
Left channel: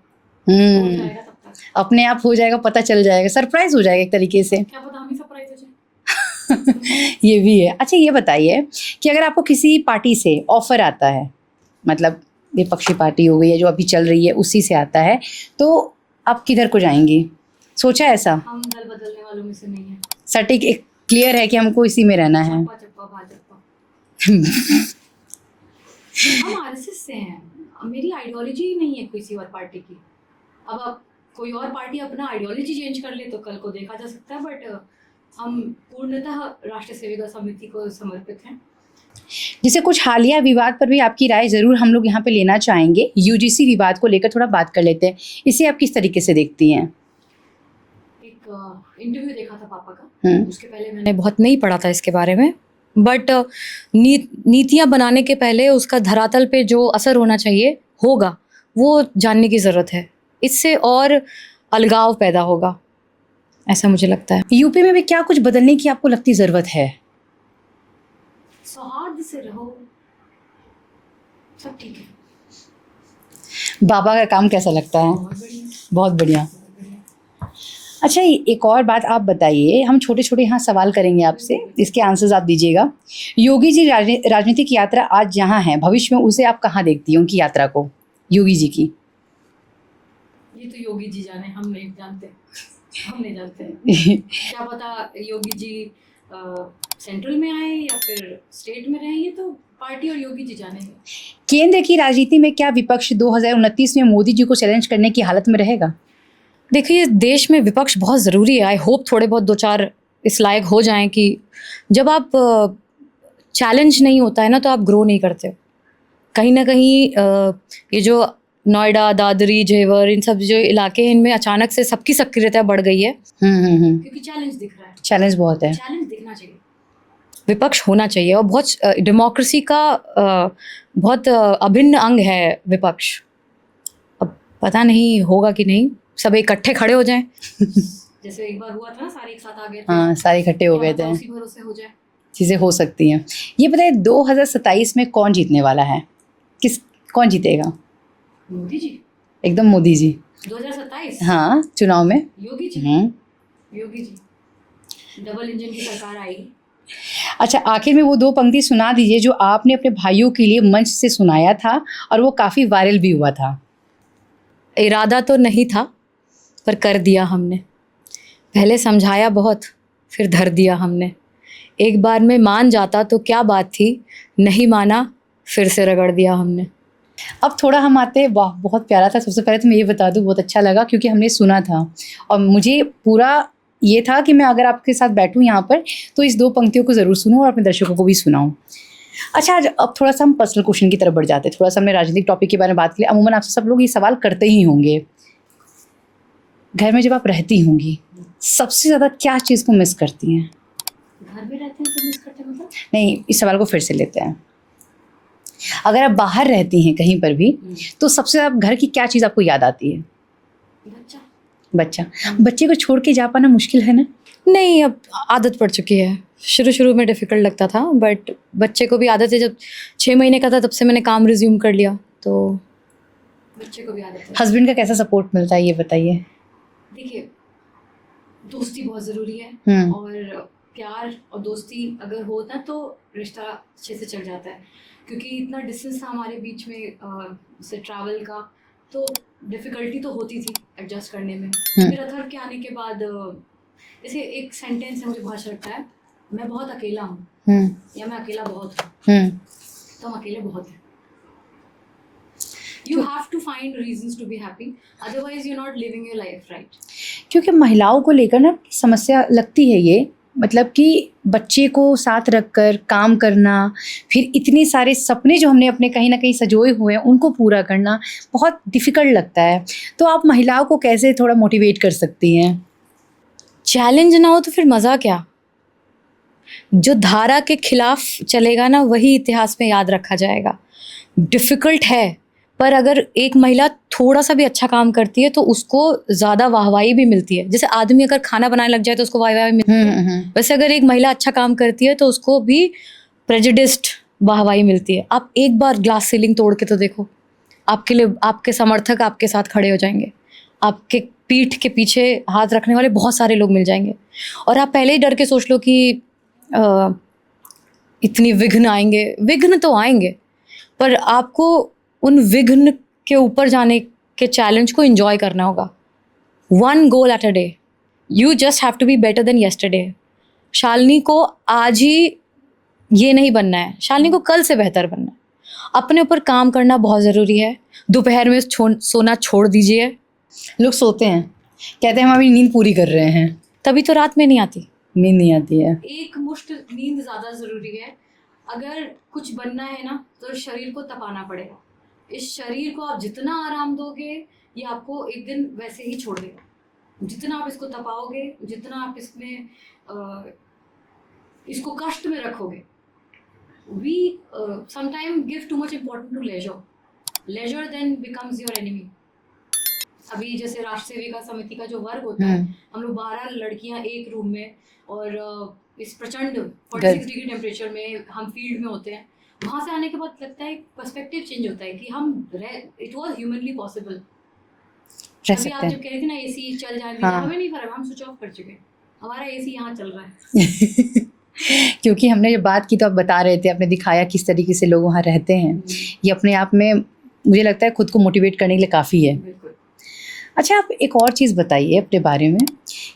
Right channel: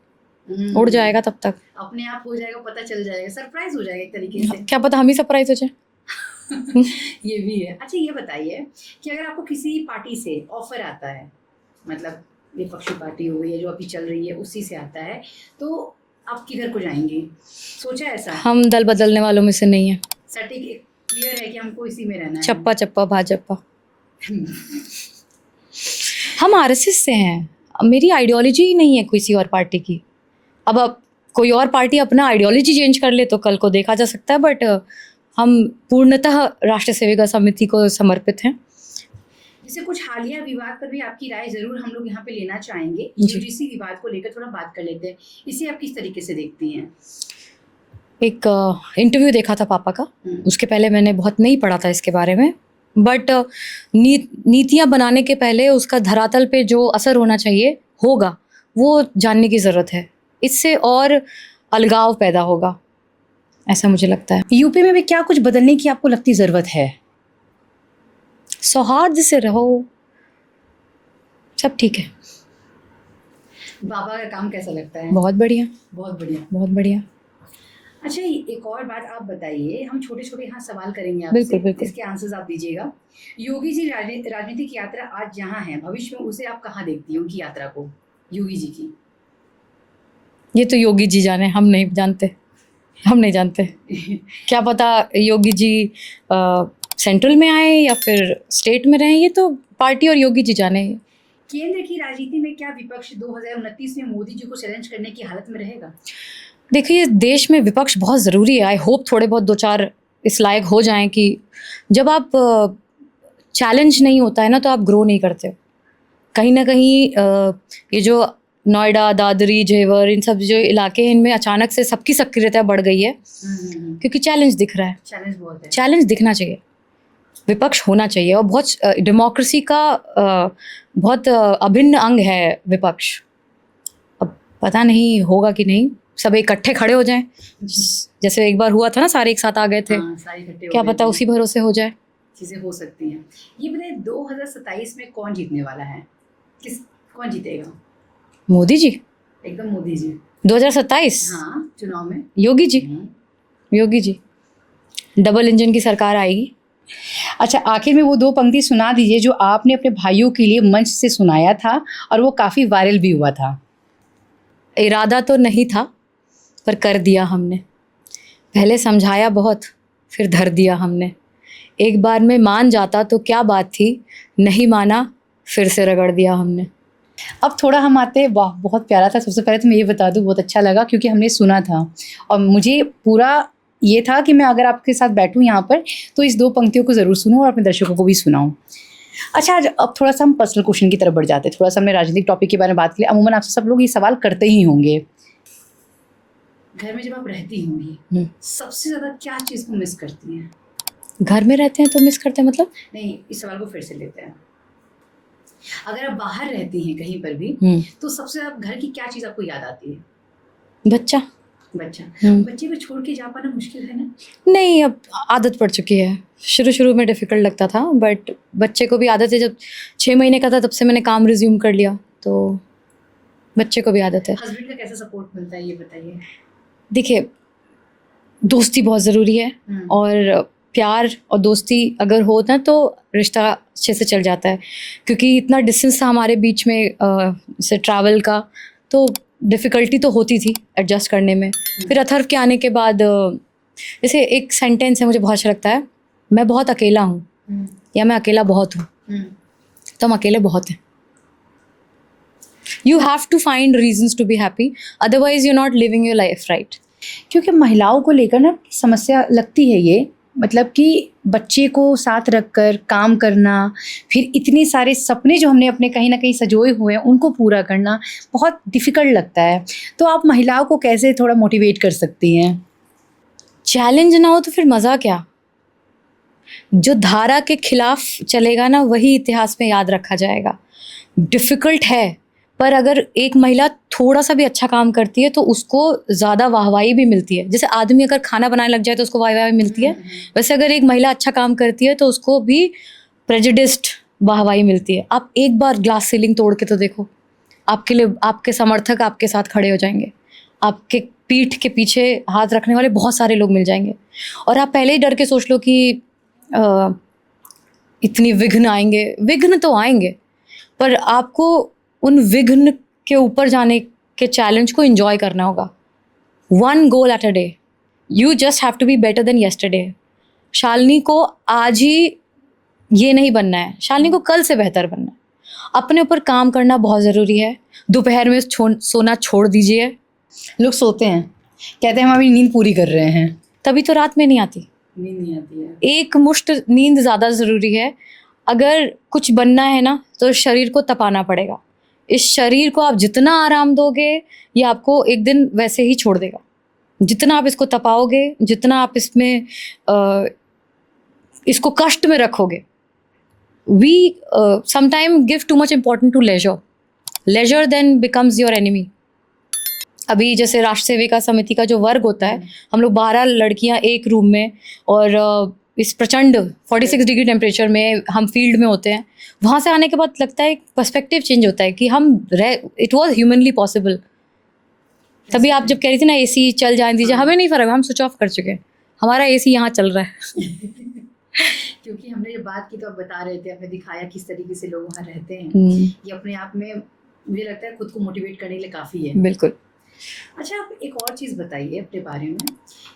उड़ जाएगा, तब तक अपने आप हो जाएगा, पता चल जाएगा, सरप्राइज हो जाएगा एक तरीके से। क्या पता हम ही सरप्राइज हो जाए। ये भी है। अच्छा ये बताइए कि अगर आपको किसी पार्टी से ऑफर आता है, मतलब विपक्षी पार्टी हो गई है जो अभी चल रही है, उसी से आता है, तो आप किधर को जाएंगी? सोचा ऐसा? हम दल बदलने वालों में से नहीं है, सटीक एक क्लियर है कि हमको इसी में रहना है। चप्पा चप्पा भाजपा। हम आरएसएस से हैं, मेरी आइडियोलॉजी ही नहीं है किसी और पार्टी की। अब कोई और पार्टी अपना आइडियोलॉजी चेंज कर ले तो कल को देखा जा सकता है, बट हम पूर्णतः राष्ट्रीय सेविका समिति को समर्पित हैं। जिसे कुछ हालिया विवाद पर भी आपकी राय ज़रूर हम लोग यहाँ पे लेना चाहेंगे। यूजीसी विवाद को लेकर थोड़ा बात कर लेते हैं, इसे आप किस तरीके से देखती हैं? एक इंटरव्यू देखा था पापा का, उसके पहले मैंने बहुत नहीं पढ़ा था इसके बारे में, बट नीतियाँ बनाने के पहले उसका धरातल पे जो असर होना चाहिए होगा वो जानने की ज़रूरत है, इससे और अलगाव पैदा होगा, ऐसा मुझे लगता है। यूपी में भी क्या कुछ बदलने की आपको लगती ज़रूरत है? सौहार्द से रहो, सब ठीक है। बाबा का काम कैसा लगता है? बहुत बढ़िया, बहुत बढ़िया, बहुत बढ़िया। अच्छा एक और बात आप बताइए, हम छोटे छोटे यहाँ सवाल करेंगे आपसे, इसके आंसर्स आप दीजिएगा। योगी जी राजनीतिक यात्रा आज जहाँ है, भविष्य में उसे आप कहाँ देखती हो, उनकी यात्रा को, योगी जी की? ये तो योगी जी जाने, हम नहीं जानते, हम नहीं जानते। क्या पता योगी जी सेंट्रल में आए या फिर स्टेट में रहें, ये तो पार्टी और योगी जी जाने। केंद्र की राजनीति में क्या विपक्ष 2029 में मोदी जी को चैलेंज करने की हालत में रहेगा? देखिए, देश में विपक्ष बहुत ज़रूरी है। आई होप थोड़े बहुत 2-4 इस लायक हो जाएं कि जब आप चैलेंज नहीं होता है ना तो आप ग्रो नहीं करते हो। कहीं ना कहीं ये जो नोएडा, दादरी, जेवर, इन सब जो इलाके हैं इनमें अचानक से सबकी सक्रियता बढ़ गई है क्योंकि चैलेंज दिख रहा है। चैलेंज बहुत है। चैलेंज दिखना चाहिए, विपक्ष होना चाहिए, और बहुत डेमोक्रेसी का बहुत अभिन्न अंग है विपक्ष। अब पता नहीं होगा कि नहीं, सब इकट्ठे खड़े हो जाएं जैसे एक बार हुआ था ना, सारे एक साथ आ गए थे। हाँ, सारे इकट्ठे हो क्या गए पता थे। उसी भरोसे हो जाए। चीज़ें हो सकती हैं। ये बताइए 2027 में कौन जीतने वाला है? कौन जीतेगा? मोदी जी। एकदम मोदी जी। 2027 हाँ, चुनाव में योगी जी। योगी जी, डबल इंजन की सरकार आएगी। अच्छा, आखिर में वो 2 पंक्ति सुना दीजिए जो आपने अपने भाइयों के लिए मंच से सुनाया था और वो काफ़ी वायरल भी हुआ था। इरादा तो नहीं था पर कर दिया हमने, पहले समझाया बहुत फिर धर दिया हमने, एक बार में मान जाता तो क्या बात थी, नहीं माना फिर से रगड़ दिया हमने। अब थोड़ा हम आते हैं, वाह बहुत प्यारा था। सबसे पहले तो मैं ये बता दूं, बहुत अच्छा लगा क्योंकि हमने सुना था और मुझे पूरा ये था कि मैं अगर आपके साथ बैठूं यहाँ पर तो इस 2 पंक्तियों को ज़रूर सुनूं और अपने दर्शकों को भी सुनाऊं। अच्छा, आज अब थोड़ा सा हम पर्सनल क्वेश्चन की तरफ बढ़ जाते हैं। थोड़ा सा हमने राजनीतिक टॉपिक के बारे में बात की। अमूमन आपसे सब लोग ये सवाल करते ही होंगे, घर में जब आप रहती होंगी सबसे ज़्यादा क्या चीज़ को मिस करती हैं? घर में रहते हैं तो मिस करते हैं मतलब? नहीं, इस सवाल को फिर से लेते हैं। अगर आप बाहर रहती हैं कहीं पर भी तो सबसे ज़्यादा घर की क्या चीज़ आपको याद आती है? बच्चा। बच्चे को छोड़ के जा पाना मुश्किल है ना? नहीं, अब आदत पड़ चुकी है। शुरू में डिफ़िकल्ट लगता था बट बच्चे को भी आदत है। जब 6 महीने का था तब से मैंने काम रिज्यूम कर लिया, तो बच्चे को भी आदत है। हस्बैंड का कैसा सपोर्ट मिलता है ये बताइए? देखिए, दोस्ती बहुत ज़रूरी है और प्यार और दोस्ती अगर हो ना तो रिश्ता अच्छे से चल जाता है, क्योंकि इतना डिस्टेंस था हमारे बीच में से ट्रैवल का, तो डिफ़िकल्टी तो होती थी एडजस्ट करने में। फिर अथर्व के आने के बाद जैसे एक सेंटेंस है मुझे बहुत अच्छा लगता है, मैं बहुत अकेला हूँ या मैं अकेला बहुत हूँ। तो हम अकेले बहुत हैं। You have to find reasons to be happy, otherwise you're not living your life right. क्योंकि महिलाओं को लेकर ना समस्या लगती है ये, मतलब कि बच्चे को साथ रखकर काम करना, फिर इतने सारे सपने जो हमने अपने कहीं ना कहीं सजोए हुए हैं उनको पूरा करना बहुत डिफ़िकल्ट लगता है। तो आप महिलाओं को कैसे थोड़ा मोटिवेट कर सकती हैं? चैलेंज ना हो तो फिर मज़ा क्या? जो धारा के खिलाफ चलेगा ना वही इतिहास में याद रखा जाएगा। डिफ़िकल्ट है, पर अगर एक महिला थोड़ा सा भी अच्छा काम करती है तो उसको ज़्यादा वाहवाही भी मिलती है। जैसे आदमी अगर खाना बनाने लग जाए तो उसको वाहवाही मिलती है, वैसे अगर एक महिला अच्छा काम करती है तो उसको भी प्रेजुडिस्ड वाहवाही मिलती है। आप एक बार ग्लास सीलिंग तोड़ के तो देखो, आपके लिए आपके समर्थक आपके साथ खड़े हो जाएंगे, आपके पीठ के पीछे हाथ रखने वाले बहुत सारे लोग मिल जाएंगे। और आप पहले ही डर के सोच लो कि इतनी विघ्न आएंगे। विघ्न तो आएंगे, पर आपको उन विघ्न के ऊपर जाने के चैलेंज को एंजॉय करना होगा। 1 goal at a day, you just have to be better than yesterday. Shalini को आज ही ये नहीं बनना है, शालिनी को कल से बेहतर बनना है। अपने ऊपर काम करना बहुत ज़रूरी है। दोपहर में सोना छोड़ दीजिए। लोग सोते हैं, कहते हैं हम अभी नींद पूरी कर रहे हैं, तभी तो रात में नहीं आती, नींद नहीं आती है। एक मुश्त नींद ज़्यादा ज़रूरी है। अगर कुछ बनना है ना तो शरीर को तपाना पड़ेगा। इस शरीर को आप जितना आराम दोगे ये आपको एक दिन वैसे ही छोड़ देगा। जितना आप इसको तपाओगे, जितना आप इसमें इसको कष्ट में रखोगे। We sometime give too much important to leisure, leisure then becomes your enemy. अभी जैसे राष्ट्र सेविका समिति का जो वर्ग होता है, हम लोग 12 लड़कियां एक रूम में और इस प्रचंड 46 डिग्री टेम्परेचर में हम फील्ड में होते हैं। वहाँ से आने के बाद लगता है पर्सपेक्टिव चेंज होता है कि हम इट वाज ह्यूमनली पॉसिबल। तभी आप जब कह रही थी ना एसी चल जाने दीजिए, हमें नहीं फर्क, हम स्विच ऑफ कर चुके हैं, हमारा एसी यहाँ चल रहा है। क्योंकि हमने जब बात की तो आप बता रहे थे, आपने दिखाया किस तरीके से लोग वहाँ रहते हैं। ये अपने आप में मुझे लगता है खुद को मोटिवेट करने के लिए काफ़ी है। बिल्कुल। अच्छा, आप एक और चीज़ बताइए अपने बारे में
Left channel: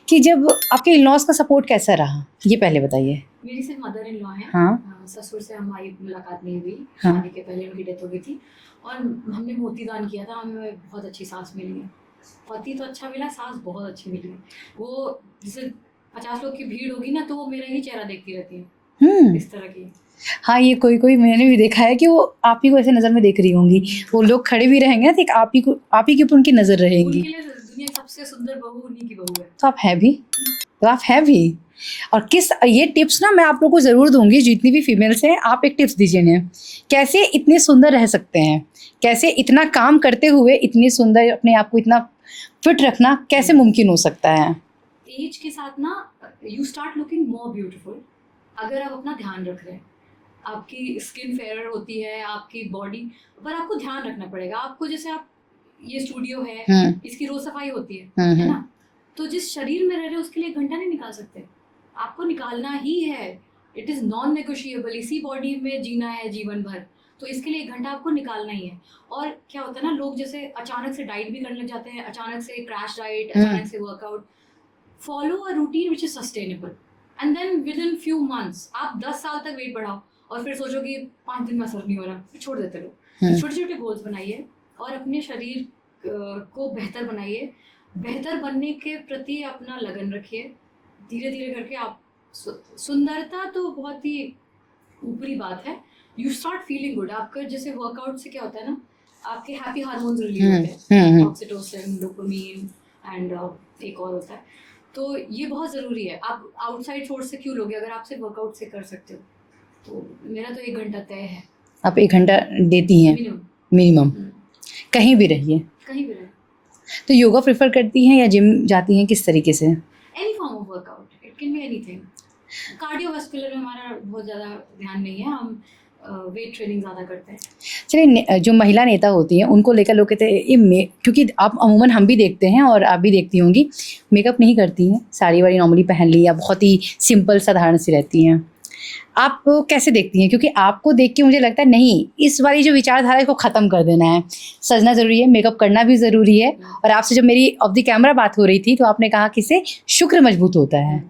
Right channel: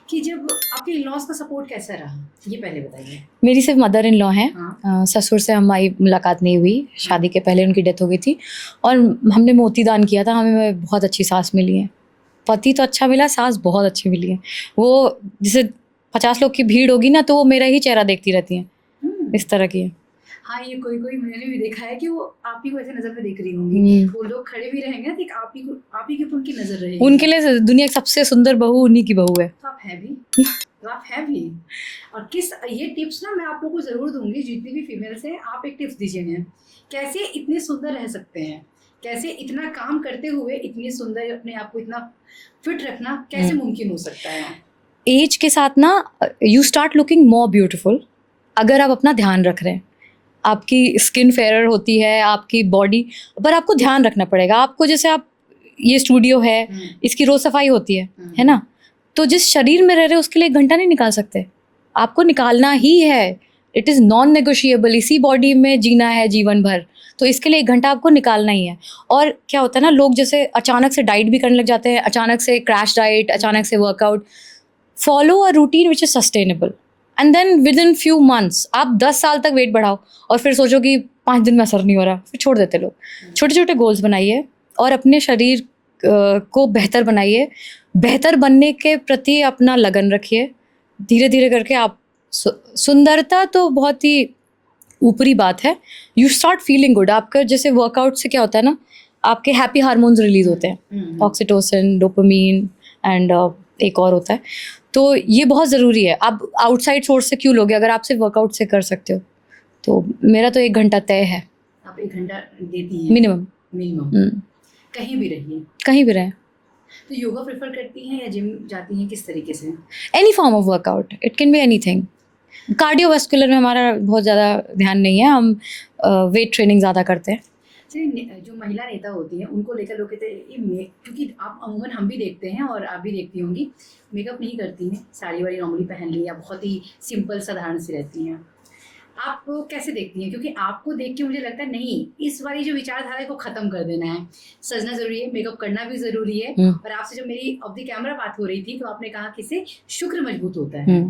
कि जब आपके इन-लॉज़ का सपोर्ट कैसा रहा, ये पहले बताइए। मेरी सिर्फ मदर इन लॉ हैं। हाँ। ससुर से हमारी मुलाकात नहीं हुई। हाँ। शादी के पहले उनकी डेथ हो गई थी और हमने मोती दान किया था। हमें बहुत अच्छी सास मिली है। पति तो अच्छा मिला, सास बहुत अच्छी मिली है। वो जैसे 50 लोग की भीड़ होगी ना तो वो मेरा ही चेहरा देखती रहती हैं, इस तरह की है। हाँ, ये कोई कोई मैंने भी देखा है कि वो आप ही को ऐसे नजर में देख रही होंगी, वो लोग खड़े भी रहेंगे ना, तो एक आप ही के ऊपर उनकी नजर रहेगी। उनके लिए दुनिया की सबसे सुंदर बहू उन्हीं की बहू है। तो आप हैं भी, तो आप हैं भी। और किस ये टिप्स ना मैं आप लोगों को ज़रूर दूंगी, जितनी भी फीमेल्स हैं, आप एक टिप्स दीजिए इन्हें, कैसे इतने सुंदर रह सकते हैं, कैसे इतना काम करते हुए इतनी सुंदर अपने आप को इतना फिट रखना कैसे मुमकिन हो सकता है। एज के साथ ना you start looking more beautiful अगर आप अपना ध्यान रख रहे हैं। आपकी स्किन फेयर होती है, आपकी बॉडी, पर आपको ध्यान रखना पड़ेगा। आपको जैसे आप ये स्टूडियो है, इसकी रोज सफाई होती है ना, तो जिस शरीर में रह रहे हैं उसके लिए 1 घंटा नहीं निकाल सकते, आपको निकालना ही है। इट इज़ नॉन नेगोशिएबल, इसी बॉडी में जीना है जीवन भर, तो इसके लिए 1 घंटा आपको निकालना ही है। और क्या होता है ना, लोग जैसे अचानक से डाइट भी करने लग जाते हैं, अचानक से क्रैश डाइट, अचानक से workout. Follow a routine which is sustainable and then within few months आप 10 साल तक वेट बढ़ाओ और फिर सोचो कि 5 दिन में असर नहीं हो रहा, फिर छोड़ देते लोग। छोटे छोटे गोल्स बनाइए और अपने शरीर को बेहतर बनाइए, बेहतर बनने के प्रति अपना लगन रखिए। धीरे धीरे करके आप सुंदरता तो बहुत ही ऊपरी बात है, यू स्टार्ट फीलिंग गुड। आपका जैसे वर्कआउट से क्या होता है ना, आपके हैप्पी हार्मोन्स रिलीज होते हैं, ऑक्सीटोसिन, डोपामीन एंड एक और होता है, तो ये बहुत ज़रूरी है। आप आउटसाइड सोर्स से क्यों लोगे अगर आप सिर्फ वर्कआउट से कर सकते हो। तो मेरा तो 1 घंटा तय है। आप 1 घंटा देती हैं मिनिमम? कहीं भी रहिए, कहीं भी रहे। तो योगा प्रेफर करती हैं या जिम जाती हैं, किस तरीके से? Any form of workout, it can be anything. Cardiovascular में हमारा बहुत ज़्यादा ध्यान नहीं है, हम वेट ट्रेनिंग ज़्यादा करते हैं। चलिए, जो महिला नेता होती हैं उनको लेकर लोग कहते हैं ये क्योंकि आप अमूमन हम भी देखते हैं और आप भी देखती होंगी, मेकअप नहीं करती हैं, साड़ी वाड़ी नॉर्मली पहन ली या बहुत ही सिंपल साधारण सी रहती हैं। आप कैसे देखती हैं? क्योंकि आपको देख के मुझे लगता है नहीं, इस वाली जो विचारधारा है इसको ख़त्म कर देना है, सजना ज़रूरी है, मेकअप करना भी ज़रूरी है। और आपसे जब मेरी ऑफ द कैमरा बात हो रही थी तो आपने कहा कि इससे शुक्र मजबूत होता है।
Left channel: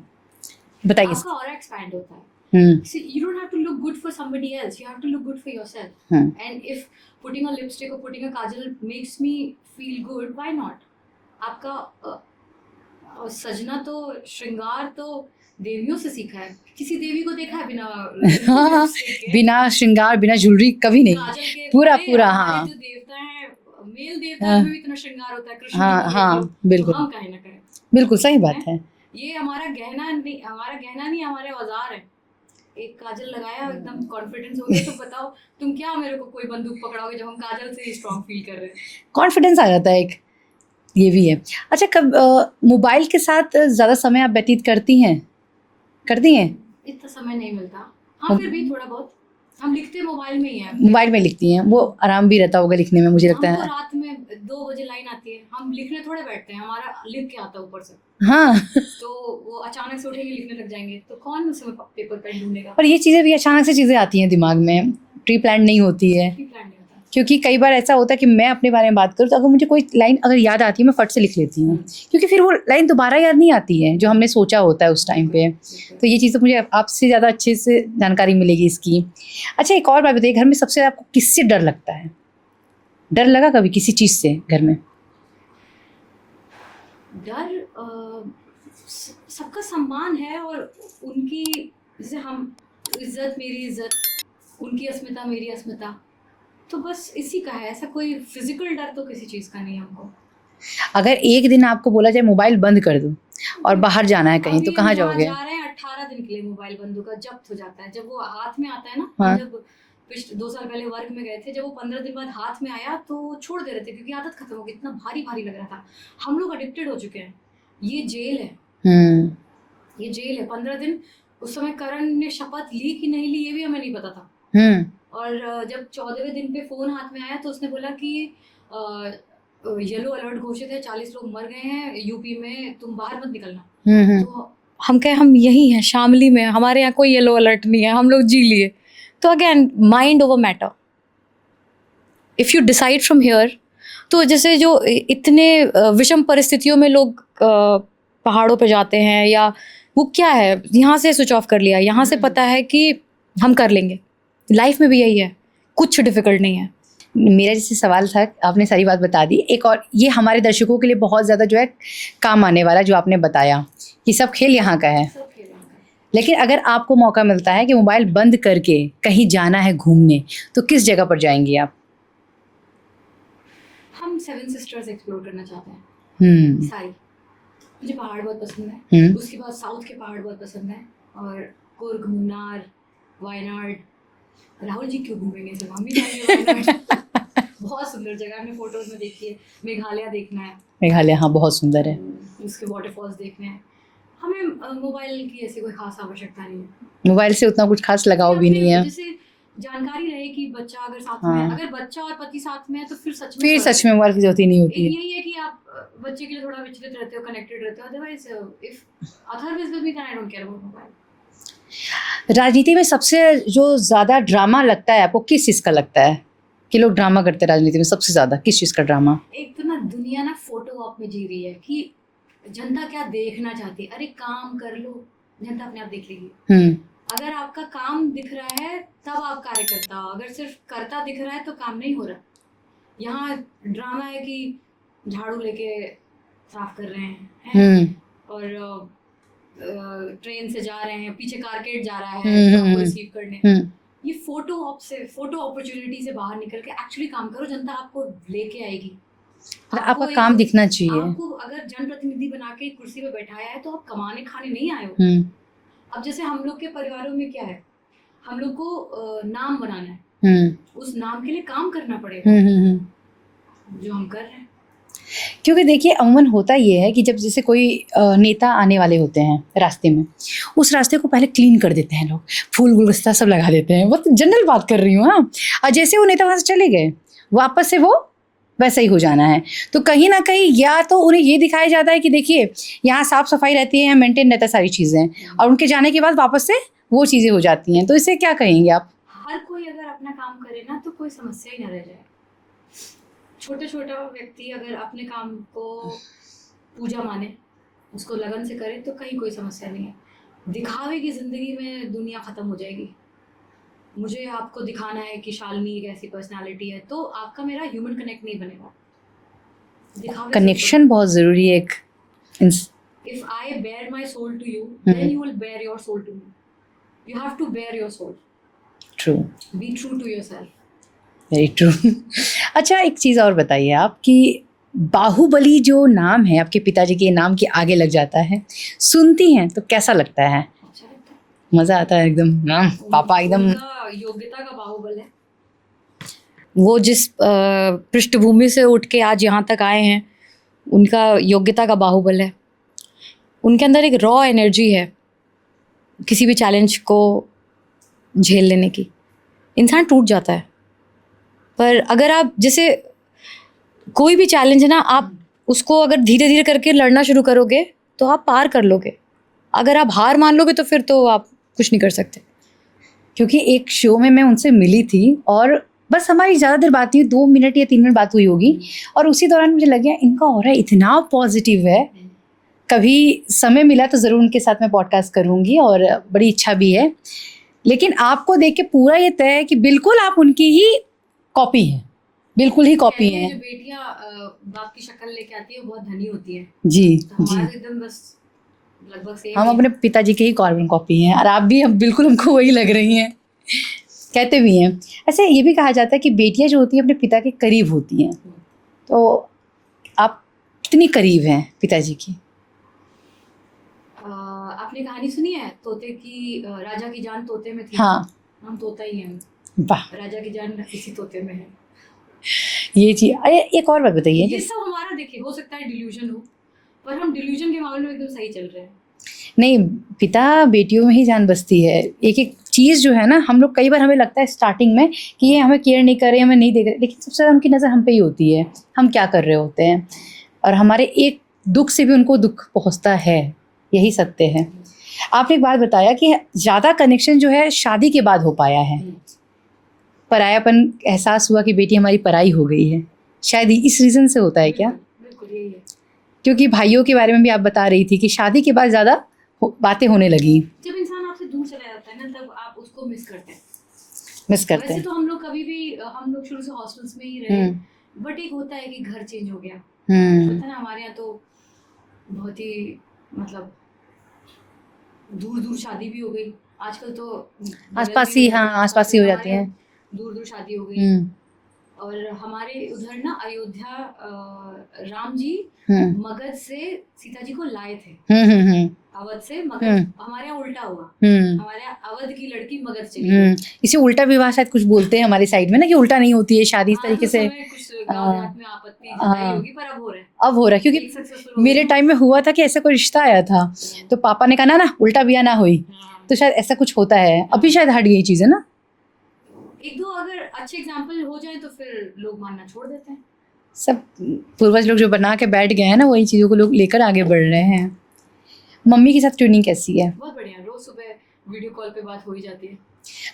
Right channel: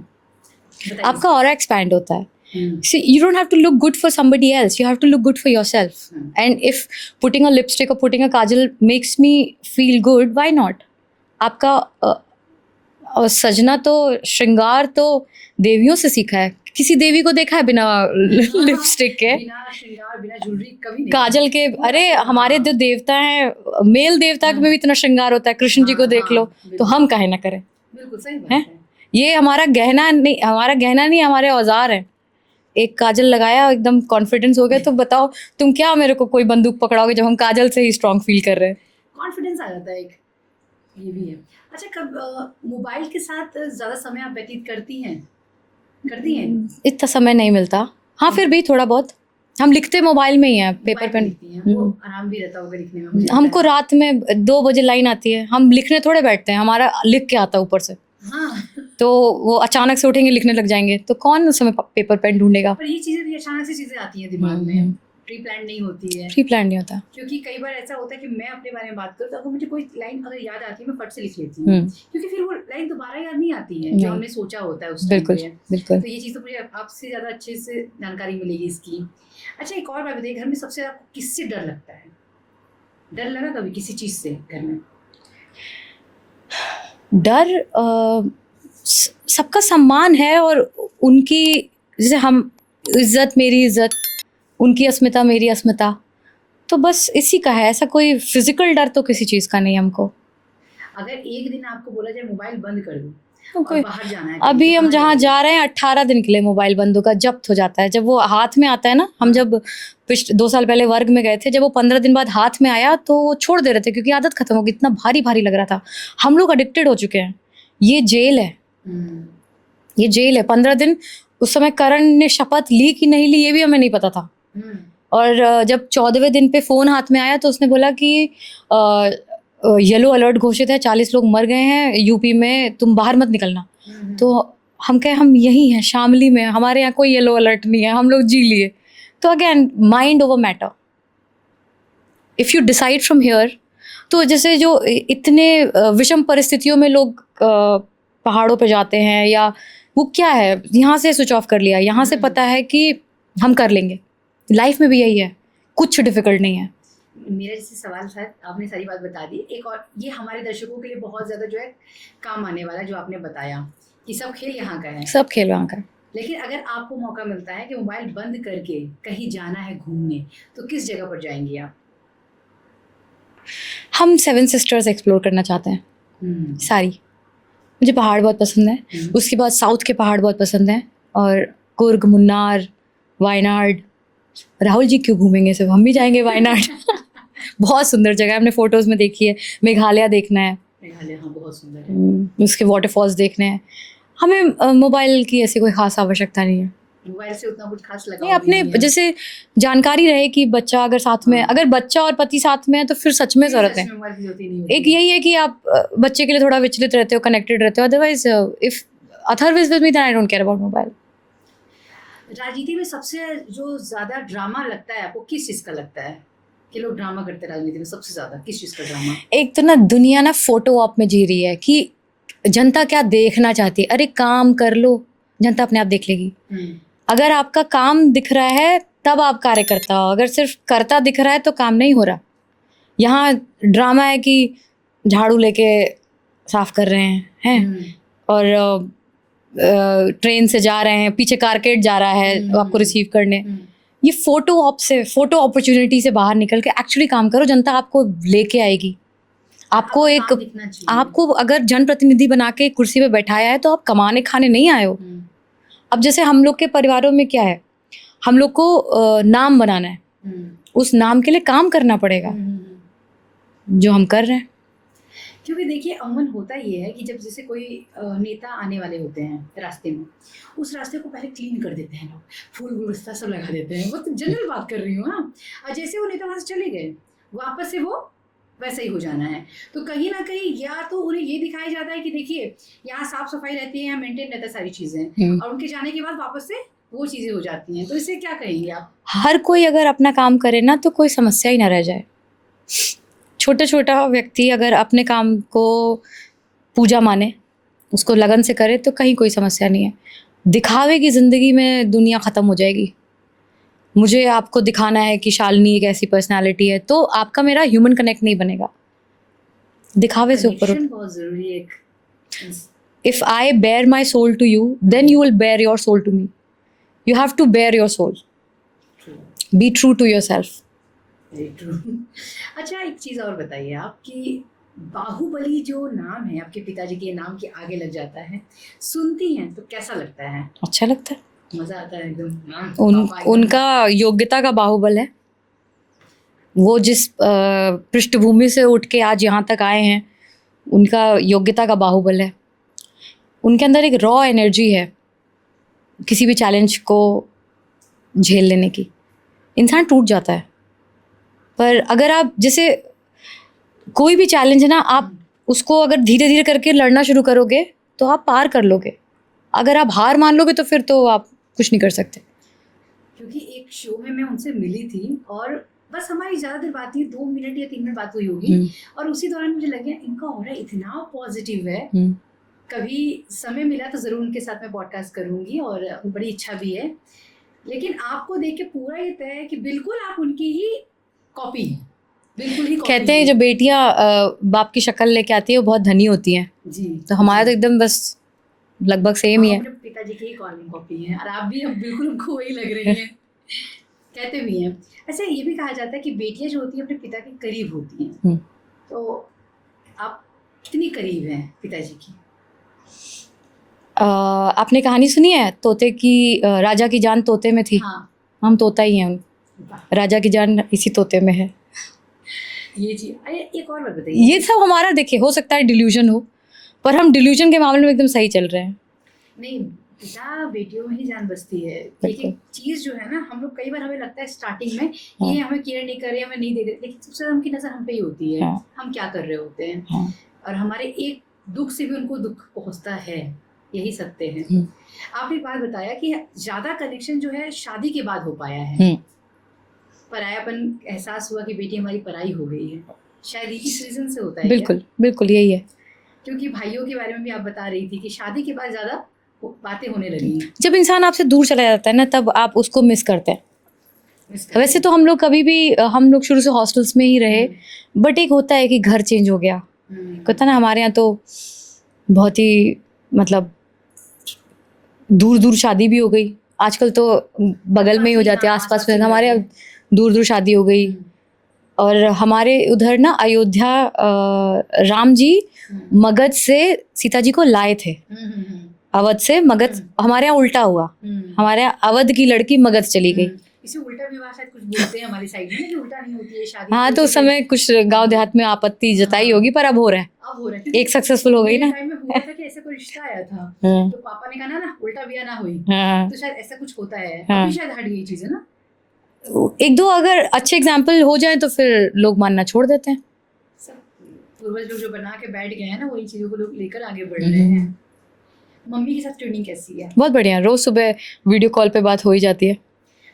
बताइए। आपका ऑरा एक्सपैंड होता है। See, you don't have to look good for somebody else. You have to look good for yourself. And if putting a lipstick or putting a kajal makes me feel good, why not? आपका सजना तो, श्रृंगार तो देवियों से सीखा है। किसी देवी को देखा है बिना लिपस्टिक के, बिना श्रृंगार, बिना ज्वेलरी कभी नहीं, काजल के? पूरा, अरे पूरा, हमारे जो देवता हैं, मेल देवता में भी इतना श्रृंगार होता है, कृष्ण जी को देख लो, तो हम काहे ना करें। बिल्कुल सही बात है। ये हमारा गहना नहीं, हमारे औजार है। एक काजल लगाया, एकदम कॉन्फिडेंस हो गया, तो बताओ तुम क्या मेरे को कोई बंदूक पकड़ाओगे जब हम काजल से ही स्ट्रॉन्ग फील कर रहे हैं। कॉन्फिडेंस आ जाता है एक, ये भी है। अच्छा, कब मोबाइल के साथ ज़्यादा समय आप व्यतीत करती हैं? इतना समय नहीं मिलता, हाँ फिर भी थोड़ा बहुत। हम लिखते मोबाइल में ही हैं, मोबाइल में लिखती हैं, वो आराम भी रहता होगा लिखने में, मुझे लगता है। हमको रात में 2 बजे लाइन आती है, हम लिखने थोड़े बैठते हैं, हमारा लिख के आता है ऊपर से। हाँ तो वो अचानक से उठेंगे लिखने लग जाएंगे, तो कौन उस समय पेपर पेन ढूंढेगा। और ये चीज़ें भी अचानक से चीज़ें आती हैं दिमाग में, प्री प्लान नहीं होती है। प्री प्लान नहीं होता, क्योंकि कई बार ऐसा होता है कि मैं अपने बारे में बात करूँ तो अगर मुझे कोई लाइन अगर याद आती है मैं फट से लिख लेती हूँ, क्योंकि फिर वो लाइन दोबारा याद नहीं आती है जो हमने सोचा होता है उस टाइम पे। तो ये चीज़ तो मुझे आपसे ज़्यादा अच्छे से जानकारी मिलेगी इसकी। अच्छा, एक और बात बताइए, घर में सबसे आपको किससे डर लगता है? डर लगा कभी किसी चीज़ से घर में? डर सबका सम्मान है, और उनकी जैसे हम इज्जत, मेरी इज्जत, उनकी अस्मिता, मेरी अस्मिता, तो बस इसी का है। ऐसा कोई फिजिकल डर तो किसी चीज़ का नहीं हमको। अगर एक दिन आपको बोला जाए मोबाइल बंद कर दो और बाहर जाना है कहीं, अभी तो हम जहाँ जा रहे हैं 18 दिन के लिए मोबाइल बंद होगा, जब्त हो जाता है। जब वो हाथ में आता है ना, हम जब 2 साल पहले वर्ग में गए थे, जब वो 15 दिन बाद हाथ में आया तो वो छोड़ दे रहे थे क्योंकि आदत खत्म हो गई, इतना भारी भारी लग रहा था। हम लोग एडिक्टेड हो चुके हैं, ये जेल है। ये जेल है। 15 दिन उस समय करण ने शपथ ली कि नहीं ली ये भी हमें नहीं पता था। और जब 14वें दिन पे फ़ोन हाथ में आया तो उसने बोला कि येलो अलर्ट घोषित है, 40 लोग मर गए हैं यूपी में, तुम बाहर मत निकलना। तो हम कहे हम यही हैं शामली में, हमारे यहाँ कोई येलो अलर्ट नहीं है, हम लोग जी लिए। तो again mind over matter, if you decide from here. तो जैसे जो इतने विषम परिस्थितियों में लोग पहाड़ों पे जाते हैं, या वो क्या है, यहाँ से स्विच ऑफ कर लिया, यहाँ से पता है कि हम कर लेंगे। लाइफ में भी यही है, कुछ डिफिकल्ट नहीं है। मेरा जैसे सवाल था, आपने सारी बात बता दी। एक और ये हमारे दर्शकों के लिए बहुत ज़्यादा जो है काम आने वाला, जो आपने बताया कि सब खेल यहाँ का है, सब खेल वहाँ का है। लेकिन अगर आपको मौका मिलता है कि मोबाइल बंद करके कहीं जाना है घूमने, तो किस जगह पर जाएंगी आप? हम सेवन सिस्टर्स एक्सप्लोर करना चाहते हैं सारी। मुझे पहाड़ बहुत पसंद है, उसके बाद साउथ के पहाड़ बहुत पसंद हैं, और कुर्ग, मुन्नार, वायनाड। राहुल जी क्यों घूमेंगे, सब हम भी जाएंगे वायनाड। बहुत सुंदर जगह है, हमने फोटोज़ में देखी है। मेघालय देखना है। मेघालय, हाँ बहुत सुंदर है। उसके वाटरफॉल्स देखने हैं। हमें मोबाइल की ऐसी कोई खास आवश्यकता नहीं है। मोबाइल से उतना कुछ खास लगाव भी अपने नहीं है। जैसे जानकारी रहे कि बच्चा अगर साथ में, अगर बच्चा और पति साथ में है तो फिर सच में फिर सच में मोबाइल की जरूरत ही नहीं होती एक है। यही है कि आप बच्चे के लिए थोड़ा विचलित रहते हो, कनेक्टेड रहते हो। Otherwise if Atharva is with me then I don't care about mobile. राजनीति में सबसे जो ज्यादा ड्रामा लगता है आपको, किस चीज का लगता है कि लोग ड्रामा करते हैं राजनीति में? सबसे ज्यादा किस चीज का ड्रामा? एक तो ना दुनिया ना फोटो ऑप में जी रही है कि जनता क्या देखना चाहती है। अरे काम कर लो, जनता अपने आप देख लेगी। अगर आपका काम दिख रहा है तब आप कार्य करता हो, अगर सिर्फ करता दिख रहा है तो काम नहीं हो रहा। यहाँ ड्रामा है कि झाड़ू लेके साफ कर रहे हैं और ट्रेन से जा रहे हैं, पीछे कारकेट जा रहा है तो आपको रिसीव करने। ये फोटो ऑप से, फोटो अपॉर्चुनिटी से बाहर निकल के एक्चुअली काम करो, जनता आपको लेके आएगी। आपको एक काम दिखना चाहिए। आपको अगर जनप्रतिनिधि बना के कुर्सी पे बैठाया है तो आप कमाने खाने नहीं आए हो। अब जैसे हम लोग के परिवारों में क्या है, हम लोग को नाम बनाना है, उस नाम के लिए काम करना पड़ेगा, जो हम कर रहे हैं। क्योंकि देखिए अमूमन होता ये है कि जब जैसे कोई नेता आने वाले होते हैं रास्ते में, उस रास्ते को पहले क्लीन कर देते हैं लोग, फूल गुलदस्ता सब लगा देते हैं। बहुत जनरल बात कर रही हूँ। हाँ, और जैसे वो नेता वहाँ से चले गए, वापस से वो वैसा ही हो जाना है। तो कहीं ना कहीं या तो उन्हें ये दिखाया जाता है कि देखिए यहाँ साफ सफाई रहती है, यहाँ मेंटेन रहता है सारी चीज़ें, और उनके जाने के बाद वापस से वो चीज़ें हो जाती हैं। तो इससे क्या कहेंगे आप? हर कोई अगर अपना काम करे ना तो कोई समस्या ही ना रह जाए। छोटा छोटा व्यक्ति अगर अपने काम को पूजा माने, उसको लगन से करे, तो कहीं कोई समस्या नहीं है। दिखावे की ज़िंदगी में दुनिया ख़त्म हो जाएगी। मुझे आपको दिखाना है कि शालिनी एक ऐसी पर्सनालिटी है, तो आपका मेरा ह्यूमन कनेक्ट नहीं बनेगा। दिखावे से कनेक्शन बहुत ज़रूरी है एक। If I bare my soul to you then you will bare your soul to me. You have to bare your soul. True. Be true to yourself. Very true. अच्छा, एक चीज़ और बताइए आप कि बाहुबली जो नाम है आपके पिताजी के नाम के आगे लग जाता है, सुनती हैं तो कैसा लगता है? अच्छा लगता है, मज़ा आता है एकदम। पापा एकदम उनका योग्यता का बाहुबल है। वो जिस पृष्ठभूमि से उठ के आज यहाँ तक आए हैं, उनका योग्यता का बाहुबल है। उनके अंदर एक रॉ एनर्जी है किसी भी चैलेंज को झेल लेने की। इंसान टूट जाता है, पर अगर आप जैसे कोई भी चैलेंज है ना, आप उसको अगर धीरे धीरे करके लड़ना शुरू करोगे तो आप पार कर लोगे। अगर आप हार मान लोगे तो फिर तो आप कुछ नहीं कर सकते। क्योंकि एक शो में मैं उनसे मिली थी और बस हमारी ज़्यादा देर बात नहीं, 2 मिनट या 3 मिनट बात हुई होगी, और उसी दौरान मुझे लग गया इनका ऑरा इतना पॉजिटिव है। कभी समय मिला तो ज़रूर उनके साथ मैं पॉडकास्ट करूँगी, और बड़ी इच्छा भी है। लेकिन आपको देख के पूरा ये तय है कि बिल्कुल आप उनकी ही कॉपी हैं, बिल्कुल ही कॉपी। कहते हैं जो बेटियां बाप की शक्ल लेके आती है वो बहुत धनी होती हैं। जी, तो हमारा तो एकदम बस लगभग सेम ही है। हम अपने पिताजी के ही कार्बन कॉपी हैं, और आप भी हम बिल्कुल हमको वही लग रही हैं। कहते भी हैं। अच्छा, ये भी कहा जाता है कि बेटियां जो होती हैं अपने पिता के करीब होती हैं। तो आप कितनी करीब हैं पिताजी की? आपने कहानी सुनी है तोते की, राजा की जान तोते में थी? हाँ, हम तोता ही हैं। वाह, राजा की जान इसी तोते में है। ये चीज। अरे एक और बात बताइए। ये सब हमारा देखिए हो सकता है डिल्यूजन हो, पर हम डिल्यूजन के मामले में एकदम सही चल रहे हैं। नहीं, पिता बेटियों में ही जान बसती है। एक एक चीज़ जो है ना, हम लोग कई बार हमें लगता है स्टार्टिंग में कि ये हमें केयर नहीं कर रहे, हमें नहीं देख रहे, लेकिन सबसे ज़्यादा उनकी नज़र हम पे ही होती है। हम क्या कर रहे होते हैं, और हमारे एक दुख से भी उनको दुख पहुंचता है। यही सत्य है। आपने एक बात बताया कि ज़्यादा कनेक्शन जो है शादी के बाद हो पाया है। परायापन एहसास हुआ कि बेटी हमारी पराई हो गई है, शायद इस रीज़न से होता है। बिल्कुल बिल्कुल यही है। क्योंकि भाइयों के बारे में भी आप बता रही थी कि शादी के बाद ज़्यादा बातें होने लगी। जब इंसान आपसे दूर चला जाता है ना, तब आप उसको मिस करते हैं। वैसे तो हम लोग कभी भी, हम लोग शुरू से हॉस्टल्स में ही रहे, बट एक होता है कि घर चेंज हो गया। पता ना, हमारे यहाँ तो बहुत ही मतलब दूर दूर शादी भी हो गई, आजकल तो बगल में ही हो जाती है, हाँ, आसपास ही में। हो हमारे जाती है। दूर दूर शादी हो गई। और हमारे उधर ना अयोध्या राम जी हम्म मगध से सीता जी को लाए थे, हम्म अवध से मगध। हम्म। हमारे यहाँ उल्टा हुआ, हमारे यहाँ अवध की लड़की मगध चली गई। इसे उल्टा विवाह शायद कुछ बोलते हैं हमारी साइड में ना, कि उल्टा नहीं होती है शादी इस हाँ, तो तरीके उस से। समय कुछ गांव देहात में आपत्ति जताई होगी, पर अब हो रहा है, अब हो रहा है, क्योंकि एक सक्सेसफुल हो गई मेरे ना। टाइम में हुआ था कि ऐसा कोई रिश्ता आया था, हाँ। तो पापा ने कहा ना ना उल्टा बिया ना हुई, हाँ। तो शायद ऐसा कुछ होता है। हाँ। अभी शायद हट गई चीज है ना। एक दो अगर अच्छे एग्जाम्पल हो जाए तो फिर लोग मानना छोड़ देते हैं। सब पूर्वज लोग जो बना के बैठ गए हैं ना, वही चीजों को लोग लेकर आगे बढ़ रहे हैं। मम्मी के साथ ट्यूनिंग कैसी है? बहुत बढ़िया, रोज सुबह वीडियो कॉल पे बात हो ही जाती है।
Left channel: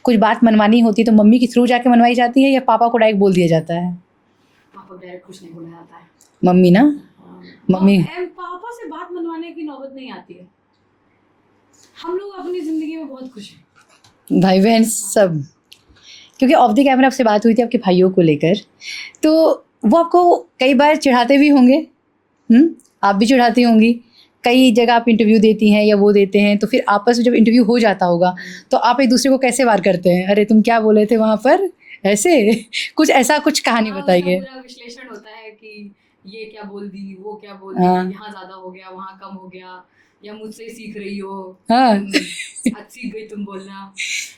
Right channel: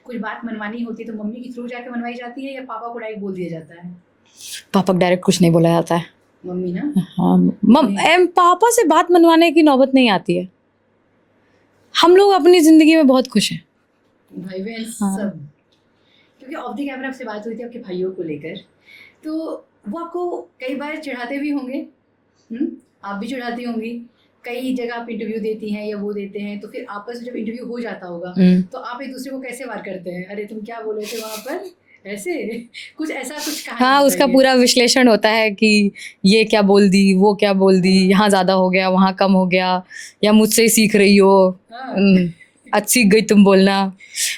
कुछ बात मनवानी होती है तो मम्मी के थ्रू जाके मनवाई जाती है, या पापा को डायरेक्ट बोल दिया जाता है? पापा को डायरेक्ट कुछ नहीं बोला जाता है। मम्मी ना, हाँ, मम्मी पापा से बात मनवाने की नौबत नहीं आती है। हम लोग अपनी जिंदगी में बहुत खुश हैं, भाई बहन सब। क्योंकि ऑफ द कैमरा आपसे बात हुई थी आपके भाइयों को लेकर, तो वो आपको कई बार चिढ़ाते भी होंगे। आप भी चिढ़ाती होंगी। कई जगह आप इंटरव्यू देती हैं या वो देते हैं, तो फिर आपस में जब इंटरव्यू हो जाता होगा तो आप एक दूसरे को कैसे वार करते हैं? अरे तुम क्या बोले थे वहाँ पर, ऐसे कुछ ऐसा कुछ कहानी हाँ, उसका बताइए। पूरा विश्लेषण होता है कि ये क्या बोल दी, वो क्या बोल दी, हाँ। यहाँ ज्यादा हो गया, वहाँ कम हो गया, या मुझसे ही सीख रही हो। हाँ। आज सीख गई तुम बोलना।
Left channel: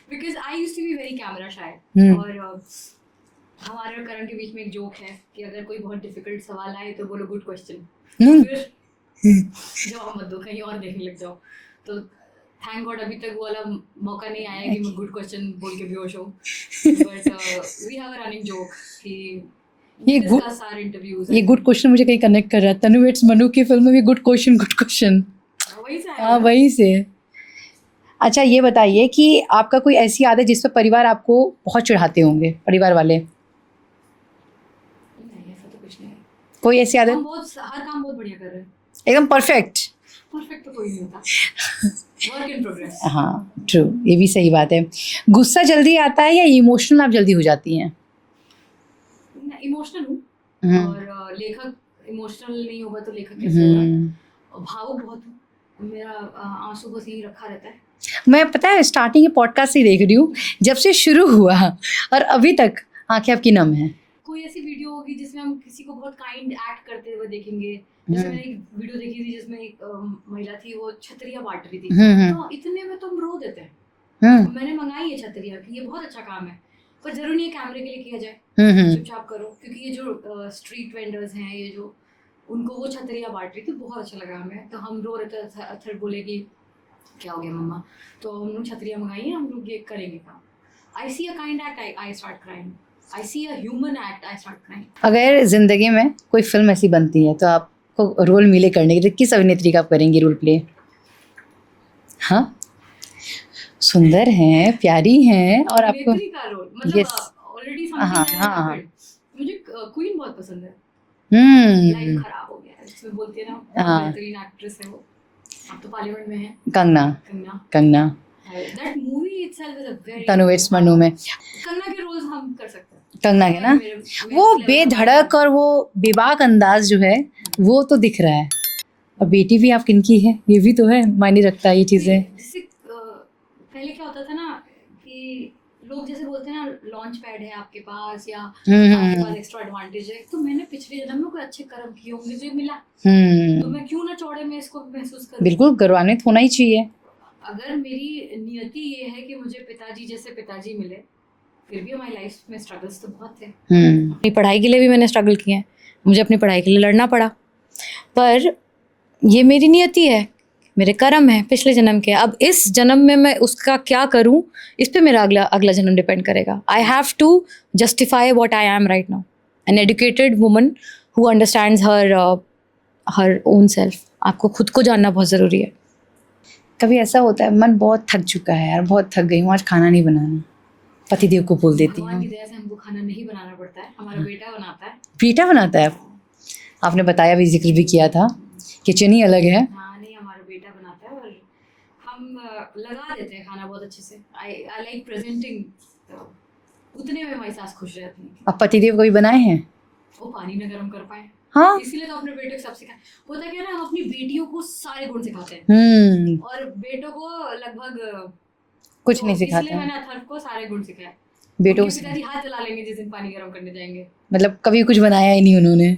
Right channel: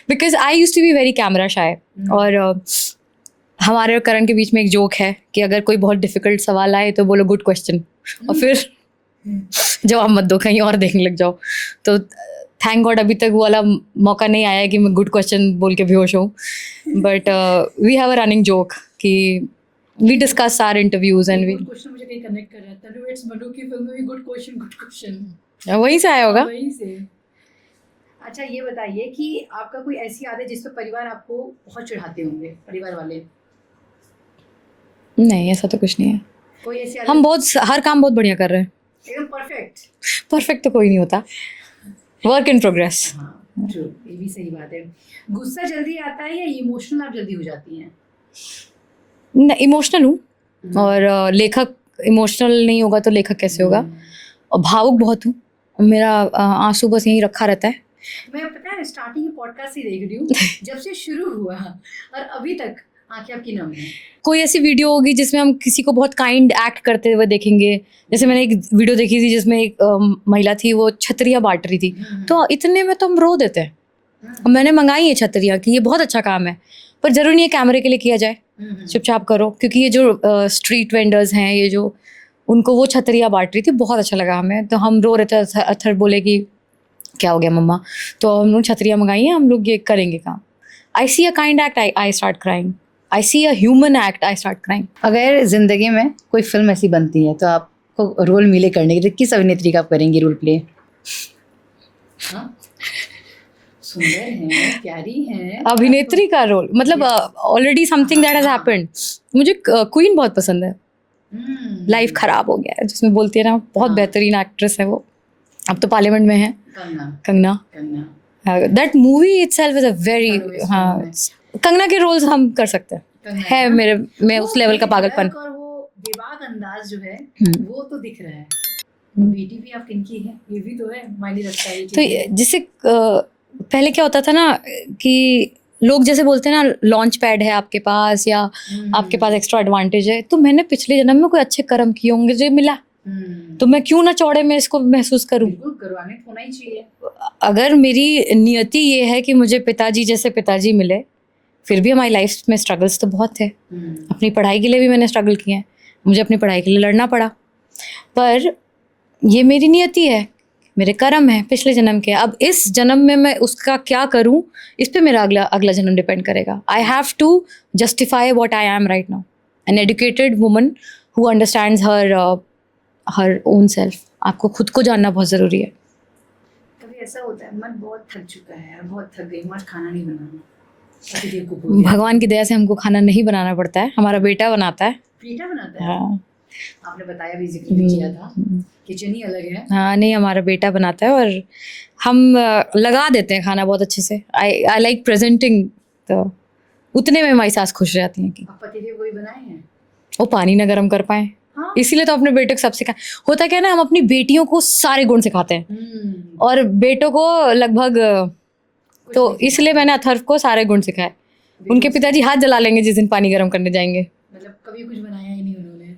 Because I use to be very camera shy. और हमारे और करण के बीच में एक जोक है कि अगर कोई बहुत डिफिकल्ट सवाल आए तो बोलो गुड क्वेश्चन, और फिर जवाब मत दो, कहीं और देखने लग जाओ। तो थैंक गॉड अभी तक वो वाला मौका नहीं आया कि मैं गुड क्वेश्चन बोल के बेहोश हूँ। But we have a running joke कि वी डिस्कस आवर इंटरव्यूज। ये गुड क्वेश्चन मुझे कहीं कनेक्ट कर रहा है। तनु वेट्स मनु की फिल्म में भी गुड क्वेश्चन वहीं से आया होगा। वहीं से। अच्छा ये बताइए कि आपका कोई ऐसी आदत जिस पर परिवार आपको बहुत चिढ़ाते होंगे, परिवार वाले? नहीं, ऐसा तो कुछ नहीं है। कोई ऐसी आदत? हम बहुत हर काम बहुत बढ़िया कर रहे हैं, एकदम परफेक्ट। परफेक्ट तो कोई नहीं होता, वर्क इन प्रोग्रेस। हाँ ट्रू, ये भी सही बात है। गुस्सा जल्दी आता है या इमोशनल आप जल्दी हो जाती हैं? इमोशनल हूँ, और लेखक इमोशनल नहीं होगा तो लेखक कैसे होगा। और भावुक बहुत हूँ, मेरा आंसू बस यहीं रखा रहता है। मैं पता है स्टार्टिंग के पॉडकास्ट से देख रही हूँ, जब से शुरू हुआ और अभी तक आंखें आपकी नम हैं। कोई ऐसी वीडियो होगी जिसमें हम किसी को बहुत काइंड एक्ट करते हुए देखेंगे। जैसे मैंने एक वीडियो देखी थी जिसमें एक महिला थी, वो छतरियाँ बांट रही थी, तो इतने में तो हम रो देते हैं। मैंने मंगाई है छतरियाँ कि ये बहुत अच्छा काम है, पर जरूरी नहीं है कैमरे के लिए किया जाए, चुपचाप करो। क्योंकि ये जो स्ट्रीट वेंडर्स हैं, ये जो उनको वो छतरियाँ बांट रही थी, बहुत अच्छा लगा हमें, तो हम रो रहे थे। अथर बोले कि क्या हो गया मम्मा, तो हम लोग छतरियाँ मंगाई हैं, हम लोग ये करेंगे काम। I see a kind act, I start crying. I see a human act, I start crying. अगर जिंदगी में कोई फिल्म ऐसी बनती है तो आपको रोल मिले करने के लिए, किस अभिनेत्री का आप करेंगी रोल प्ले? हाँ, सुंदर हैं, प्यारी हैं, अभिनेत्री का रोल मतलब already something that has happened. मुझे क्वीन बहुत पसंद है। लाइफ खराब हो गया है जिसमें बोलती है ना, बहुत बेहतरीन एक्ट्रेस है वो, अब तो पार्लियामेंट में है। Kangana that movie itself is a very Tanu Weds Manu में कंगना के रोल्स हम कर सकते हैं। कंगना है मेरे में उस लेवल का पागलपन, और वो बेबाक अंदाज जो है वो तो दिख रहा है। और बेटी भी आप किनकी है, ये भी तो है, मायने रखता है ये चीज़ें। तो जिससे पहले क्या होता था ना कि लोग जैसे बोलते हैं ना, लॉन्च पैड है आपके पास या आपके पास एक्स्ट्रा एडवांटेज है, तो मैंने पिछले जन्म में कोई अच्छे कर्म किए होंगे जो मिला, तो मैं क्यों ना चौड़े में इसको महसूस करूं। बिल्कुल, गौरवान्वित होना ही चाहिए। अगर मेरी नियति ये है कि मुझे पिताजी जैसे पिताजी मिले, फिर भी हमारी लाइफ में स्ट्रगल्स तो बहुत थे। अपनी पढ़ाई के लिए भी मैंने स्ट्रगल किए हैं, मुझे अपनी पढ़ाई के लिए लड़ना पड़ा, पर ये मेरी नियति है, मेरे कर्म है पिछले जन्म के। अब इस जन्म में मैं उसका क्या करूं, इस पे मेरा अगला जन्म डिपेंड करेगा। I have to justify what I am right now. An educated woman who understands her own self. आपको खुद को जानना बहुत ज़रूरी है। कभी ऐसा होता है मन बहुत थक चुका है यार, बहुत थक गई हूँ, आज खाना नहीं बनाना, पतिदेव को बोल देती हूँ। भगवान की दया से हमको खाना नहीं बनाना पड़ता है, हमारा बेटा बनाता है। बेटा बनाता है? आपने बताया भी, जिक्र भी किया था, किचन ही अलग है। हाँ नहीं, हमारा बेटा बनाता है और हम लगा देते हैं खाना बहुत अच्छे से। आई लाइक प्रेजेंटिंग, तो उतने में हमारी सास खुश रहती हैं। अब पतिदेव कभी बनाए हैं? वो पानी ना गर्म कर पाए, हाँ। इसीलिए तो अपने बेटे को सब सिखाए। होता क्या है ना, हम अपनी बेटियों को सारे गुण सिखाते हैं और बेटों को लगभग कुछ तो नहीं सिखाते इसलिए हैं। मैंने अथर्व को सारे गुण सिखाए। बेटों उनके को पिताजी हाथ जला लेंगे जिस दिन पानी गर्म करने जाएंगे। मतलब कभी कुछ बनाया ही नहीं उन्होंने।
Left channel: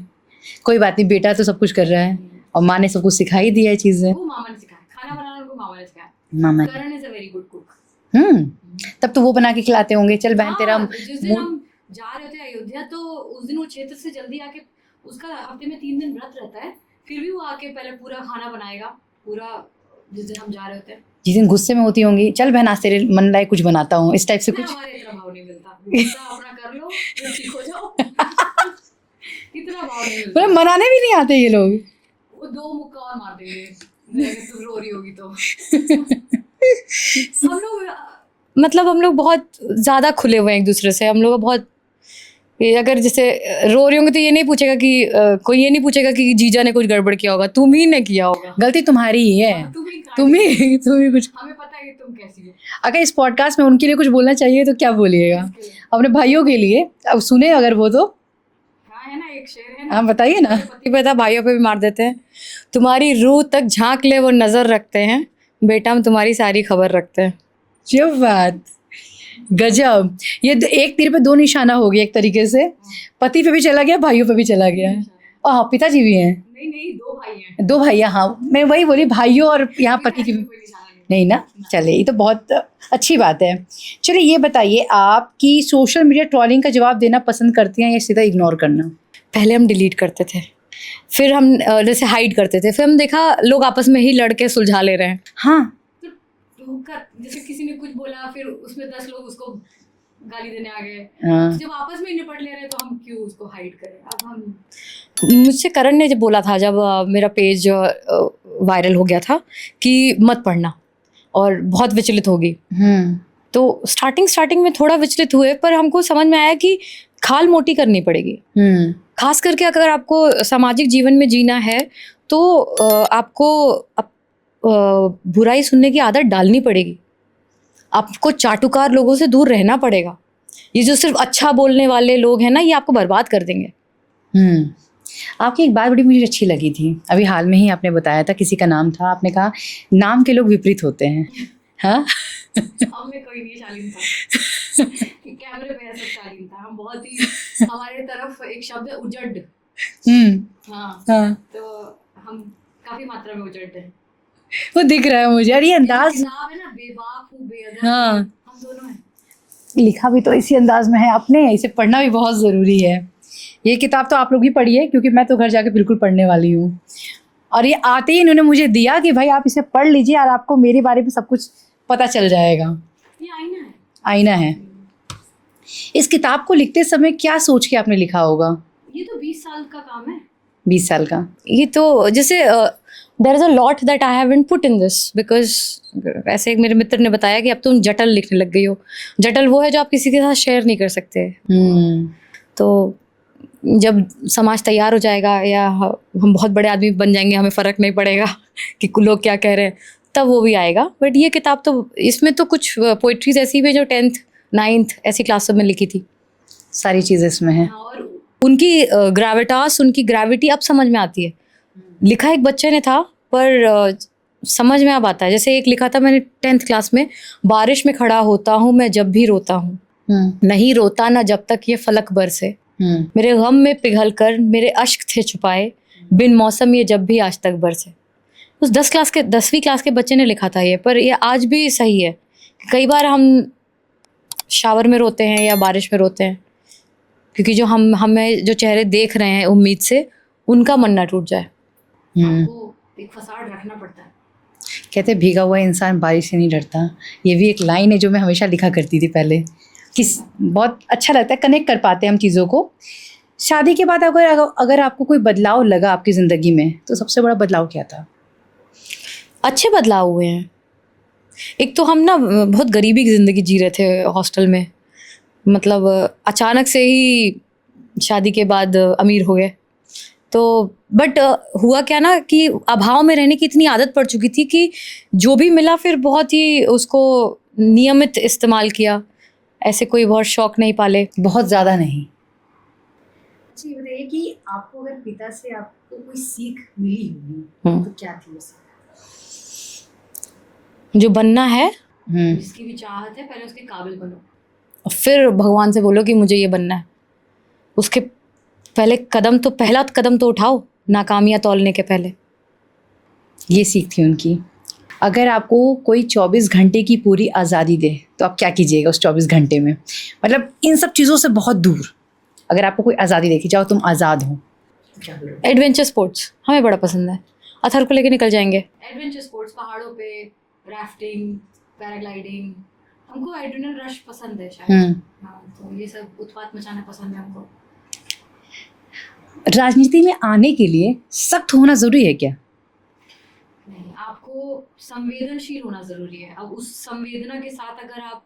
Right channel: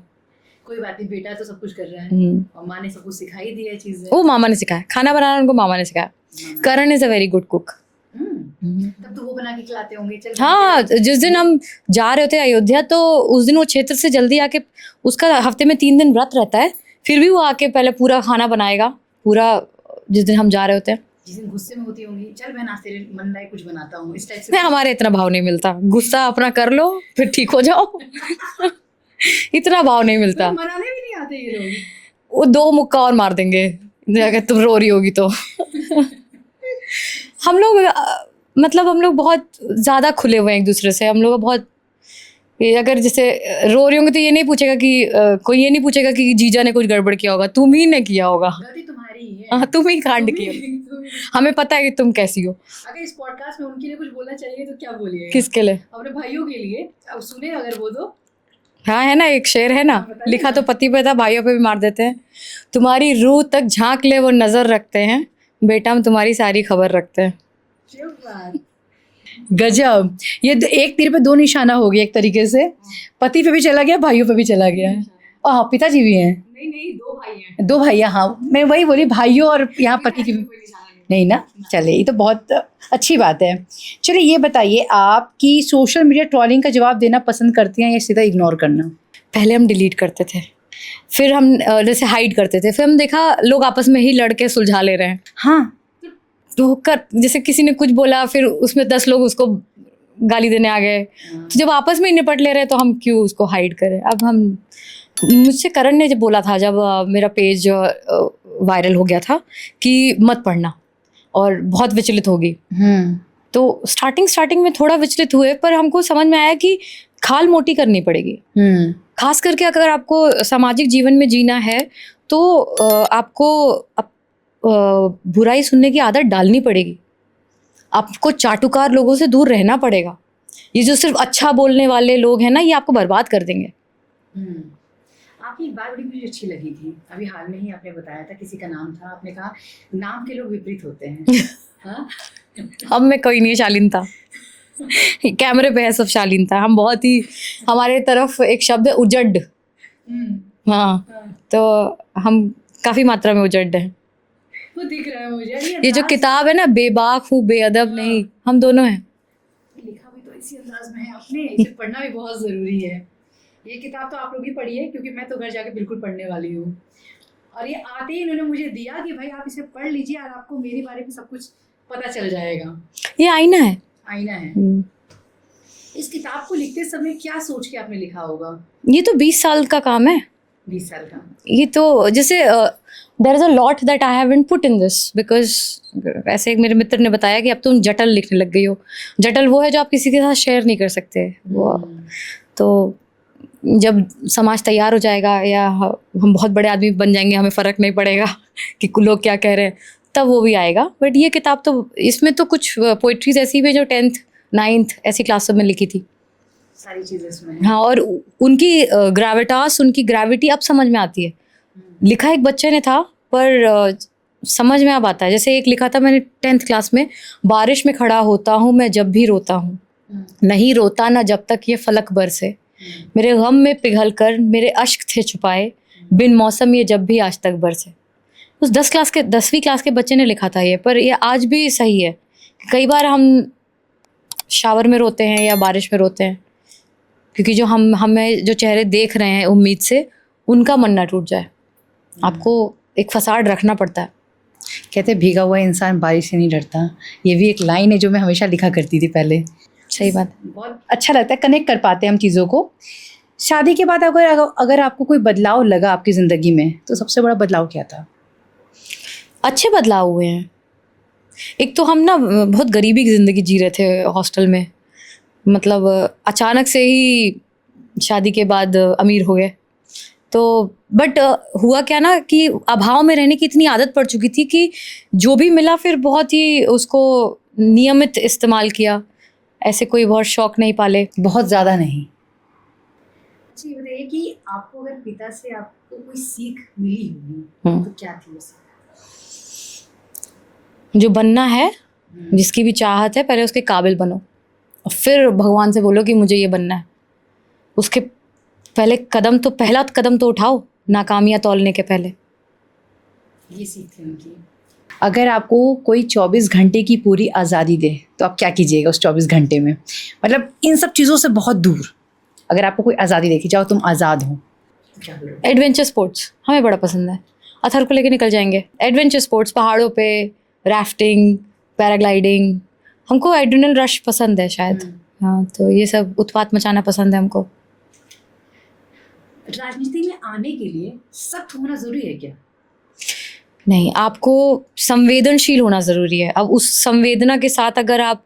कोई बात नहीं, बेटा तो सब कुछ कर रहा है और माँ ने सब कुछ सिखा ही दिया है चीजें। वो मामा ने सिखाया, खाना बनाना उनको मामा ने सिखाया। मामा ने। Karan is a very good cook. तब तो वो बना के खिलाते होंगे। चल बहन हाँ, तेरा जिस दिन हम जा रहे होते अयोध्या तो उस दिन वो क्षेत्र से जल्दी आके, उसका हफ्ते में 3 दिन व्रत रहता है, फिर भी वो आके पहले पूरा खाना बनाएगा पूरा, जिस दिन हम जा रहे होते हैं। जिस दिन गुस्से में होती होंगी, चल बहन आज तेरे मन लायक कुछ बनाता हूँ, इस टाइप से नहीं, कुछ? हमारे इतना भाव नहीं मिलता, गुस्सा अपना कर लो फिर ठीक हो जाओ। इतना भाव नहीं मिलता। मतलब मनाने भी नहीं आते ये लोग। वो 2 मुक्का और मार देंगे अगर तुम रो रही होगी तो। हम लोग मतलब हम लोग बहुत ज्यादा खुले हुए हैं एक दूसरे से। हम लोग बहुत, अगर जैसे रो रही होंगी तो ये नहीं पूछेगा कि कोई ये नहीं पूछेगा कि जीजा ने कुछ गड़बड़ किया होगा, तुम ही ने किया होगा, गलती तुम्हारी ही है। तुम ही कांड तुम्ही कुछ। हमें पता है कि तुम कैसी हो। अगर इस पॉडकास्ट में उनके लिए कुछ बोलना चाहिए तो क्या बोलिएगा? किसके लिए? अपने भाइयों के लिए। अब सुने अगर वो तो। हाँ है ना, एक शेर है ना, हाँ, बताइए लिखा ना। तो पति पे था, भाइयों पे भी मार देते हैं। तुम्हारी रूह तक झांक ले वो नजर रखते हैं, बेटा हम तुम्हारी सारी खबर रखते हैं। जो बात, गजब। ये एक तीर पे 2 निशाना हो गया एक तरीके से। पति पे भी चला गया, भाइयों पे भी चला गया। और हाँ, पिताजी भी हैं। नहीं 2 भाई हैं। 2 भाई, हाँ मैं वही बोली, भाइयों और यहाँ पति की भी नहीं ना। चले, ये तो बहुत अच्छी बात है। चलिए ये बताइए, आपकी सोशल मीडिया ट्रोलिंग का जवाब देना पसंद करती हैं या सीधा इग्नोर करना? पहले हम डिलीट करते थे, फिर हम जैसे हाइड करते थे, फिर हम देखा लोग आपस में ही लड़के सुलझा ले रहे हैं। हाँ, तो कर जैसे किसी ने कुछ बोला, फिर उसमें 10 लोग उसको गाली देने आ गए। हाँ। तो जब आपस में ही निपट ले रहे हैं तो हम क्यों उसको हाइड करें। अब हम, मुझसे करण ने जब बोला था, जब मेरा पेज वायरल हो गया था कि मत पढ़ना और बहुत विचलित होगी, तो स्टार्टिंग में थोड़ा विचलित हुए, पर हमको समझ में आया कि खाल मोटी करनी पड़ेगी। खास करके अगर आपको सामाजिक जीवन में जीना है तो आपको बुराई सुनने की आदत डालनी पड़ेगी। आपको चाटुकार लोगों से दूर रहना पड़ेगा। ये जो सिर्फ अच्छा बोलने वाले लोग हैं ना, ये आपको बर्बाद कर देंगे। आपकी एक बात बड़ी मुझे अच्छी लगी थी, अभी हाल में ही आपने बताया था, किसी का नाम था, आपने कहा नाम के लोग विपरीत होते हैं। हाँ। अब में कोई नहीं है शालीनता। कैमरे पे है सब शालीनता। हम बहुत ही, हमारे तरफ एक शब्द है उजड। हाँ, तो हम काफी मात्रा में उजड हैं। वो दिख रहा है मुझे। अरे ये जो किताब है ना, बेबाक हूँ बेअदब नहीं, हम दोनों हैं। लिखा भी तो इसी अंदाज में है आपने, इसे पढ़ना भी बहुत ज़रूरी है। ये किताब तो आप लोग भी पढ़िए, क्योंकि मैं तो घर जाके बिल्कुल पढ़ने वाली हूँ। और ये आते ही इन्होंने मुझे दिया कि भाई आप इसे पढ़ लीजिए और आपको मेरे बारे में सब कुछ पता चल जाएगा। ये आईना है। आईना है। इस किताब को लिखते समय क्या सोच के आपने लिखा होगा? ये तो 20 साल का काम है। 20 साल का। ये तो जैसे there is a lot that I haven't put in this, because ऐसे एक मेरे मित्र ने बताया कि अब तुम जटल लिखने लग गई हो। जटल वो है जो आप किसी के साथ शेयर नहीं कर सकते। तो जब समाज तैयार हो जाएगा या हम बहुत बड़े आदमी बन जाएंगे, हमें फ़र्क नहीं पड़ेगा कि लोग क्या कह रहे हैं, तब वो भी आएगा। बट ये किताब तो, इसमें तो कुछ पोइट्रीज ऐसी भी जो 10th 9th ऐसी क्लास में लिखी थी। सारी चीज़ें इसमें हैं। हाँ, और उनकी ग्रेविटास, उनकी ग्रेविटी अब समझ में आती है। लिखा एक बच्चे ने था, पर समझ में अब आता है। जैसे एक लिखा था मैंने 10th क्लास में, बारिश में खड़ा होता हूँ मैं जब भी रोता हूँ, नहीं रोता ना जब तक ये फलक बरसे, मेरे गम में पिघल कर मेरे अश्क थे छुपाए, बिन मौसम ये जब भी आज तक बरसे। उस 10वीं क्लास के बच्चे ने लिखा था ये, पर ये आज भी सही है। कई बार हम शावर में रोते हैं या बारिश में रोते हैं, क्योंकि जो हमें जो चेहरे देख रहे हैं उम्मीद से, उनका मन ना टूट जाए। आपको एक फसाड रखना पड़ता है। कहते भीगा हुआ इंसान बारिश से नहीं डरता। ये भी एक लाइन है जो मैं हमेशा लिखा करती थी पहले। सही बात। बहुत अच्छा लगता है, कनेक्ट कर पाते हैं हम चीज़ों को। शादी के बाद अगर आपको कोई बदलाव लगा आपकी ज़िंदगी में, तो सबसे बड़ा बदलाव क्या था? अच्छे बदलाव हुए हैं। एक तो हम ना बहुत गरीबी की ज़िंदगी जी रहे थे हॉस्टल में, मतलब अचानक से ही शादी के बाद अमीर हो गए। तो बट हुआ क्या ना कि अभाव में रहने की इतनी आदत पड़ चुकी थी कि जो भी मिला फिर बहुत ही उसको नियमित इस्तेमाल किया। ऐसे कोई बहुत शौक नहीं पाले। बहुत ज़्यादा नहीं। अच्छा, ये बताइए कि आपको अगर पिता से आपको कोई सीख मिली होगी तो क्या थी वो सीख? जो बनना है, जिसकी भी चाहत है, पहले उसके काबिल बनो और फिर भगवान से बोलो कि मुझे ये बनना है। उसके पहला कदम तो उठाओ, नाकामियाँ तौलने के पहले। ये सीख थी उनकी। अगर आपको कोई 24 घंटे की पूरी आज़ादी दे तो आप क्या कीजिएगा उस 24 घंटे में? मतलब इन सब चीज़ों से बहुत दूर अगर आपको कोई आज़ादी देखी, जाओ तुम आज़ाद हो, तो क्या करोगे? एडवेंचर स्पोर्ट्स हमें बड़ा पसंद है। अथर को लेके निकल जाएंगे। एडवेंचर स्पोर्ट्स, पहाड़ों पे राफ्टिंग, पैराग्लाइडिंग। हमको एड्रेनल रश पसंद है शायद। हाँ, तो ये सब उत्पात मचाना पसंद है हमको। राजनीति में आने के लिए सख्त होना ज़रूरी है क्या? नहीं, आपको संवेदनशील होना ज़रूरी है। अब उस संवेदना के साथ अगर आप,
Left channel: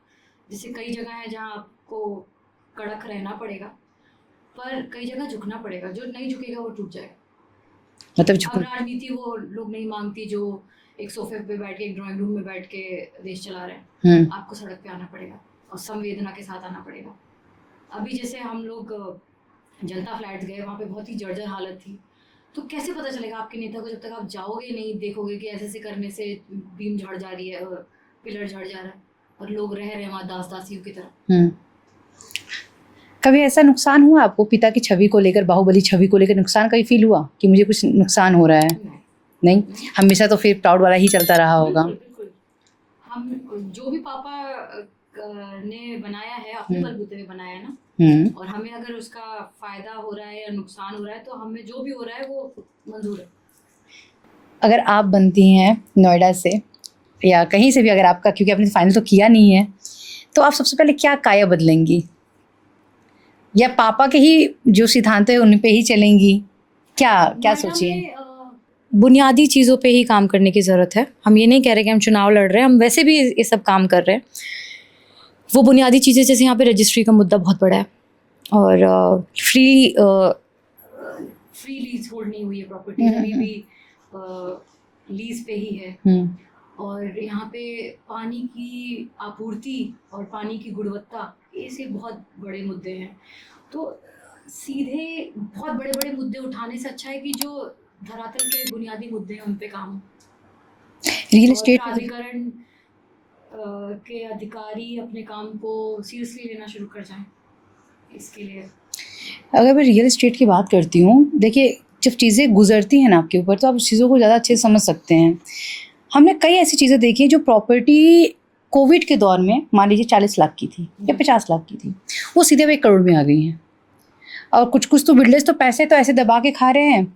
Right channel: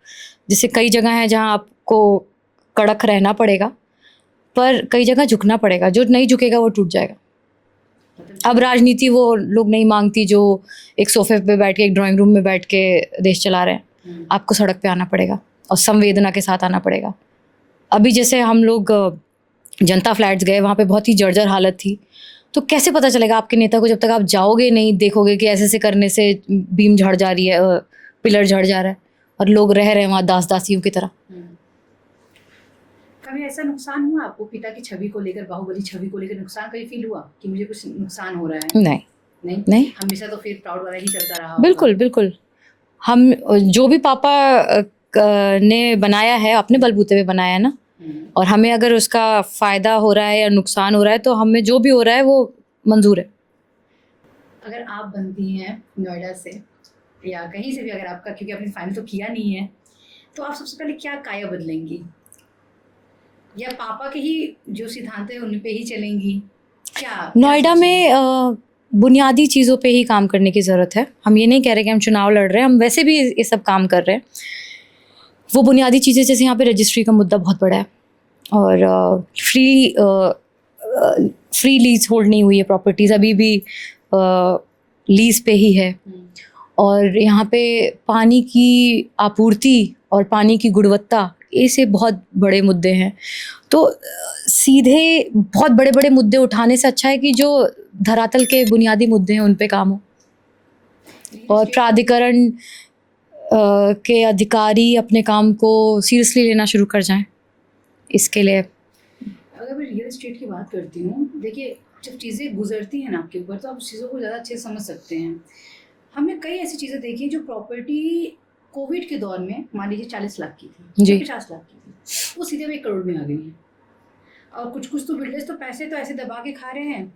जैसे कई जगह हैं जहाँ आपको कड़क रहना पड़ेगा, पर कई जगह झुकना पड़ेगा। जो नहीं झुकेगा वो टूट जाएगा। मतलब अब राजनीति वो लोग नहीं मांगती जो एक सोफे पे बैठ के, एक ड्राइंग रूम में बैठ के देश चला रहे हैं। आपको सड़क पे आना पड़ेगा और संवेदना के साथ आना पड़ेगा। अभी जैसे हम लोग जनता फ्लैट्स गए, वहाँ पे बहुत ही जर्जर हालत थी। तो कैसे पता चलेगा आपके नेता को जब तक आप जाओगे नहीं, देखोगे कि ऐसे करने से बीम झड़ जा रही है, पिलर झड़ जा रहा है और लोग रह रहे हैं वहाँ दासियों की तरह। कभी ऐसा नुकसान हुआ आपको पिता की छवि को लेकर, बाहुबली छवि को लेकर नुकसान कभी फील हुआ कि मुझे कुछ नुकसान हो रहा है? नहीं नहीं नहीं, हमेशा तो फिर प्राउड वाला ही चलता रहा होगा। बिल्कुल बिल्कुल। हम जो भी पापा ने बनाया है अपने बलबूते पे बनाया है ना, और हमें अगर उसका फ़ायदा हो रहा है या नुकसान हो रहा है तो हमें जो भी हो रहा है वो मंजूर है। अगर आप बनती हैं नोएडा से या कहीं से भी, अगर आपका, क्योंकि आपने फाइनल तो किया नहीं है, तो आप सबसे पहले क्या काया बदलेंगी? या पापा के ही जो सिद्धांत है उन पे ही चलेंगी? क्या नोएडा में बुनियादी चीज़ों पे ही काम करने की ज़रूरत है। हम ये नहीं कह रहे कि हम चुनाव लड़ रहे हैं, हम वैसे भी ये सब काम कर रहे हैं। वो बुनियादी चीज़ें, जैसे यहाँ पे रजिस्ट्री का मुद्दा बहुत बड़ा है और फ्री लीज होल्ड नहीं हुई है प्रॉपर्टीज़, अभी भी लीज पे ही है। और यहाँ पे पानी की आपूर्ति और पानी की गुणवत्ता, ऐसे बहुत बड़े मुद्दे हैं। तो सीधे बहुत बड़े बड़े मुद्दे उठाने से अच्छा है कि जो धरातल के बुनियादी मुद्दे हैं उन पे काम हो। और प्राधिकरण के अधिकारी अपने काम को सीरियसली लेना शुरू कर जाएं। इसके लिए अगर मैं रियल एस्टेट की बात करती हूँ, देखिए जब चीज़ें गुजरती हैं ना आपके ऊपर तो आप उस चीज़ों को ज़्यादा अच्छे से समझ सकते हैं। हमने कई ऐसी चीज़ें देखी जो प्रॉपर्टी कोविड के दौर में मान लीजिए 40 लाख की थी या 50 लाख की थी, वो सीधे 1 करोड़ में आ गई हैं। और कुछ कुछ तो बिल्डर्स तो पैसे तो ऐसे दबा के खा रहे हैं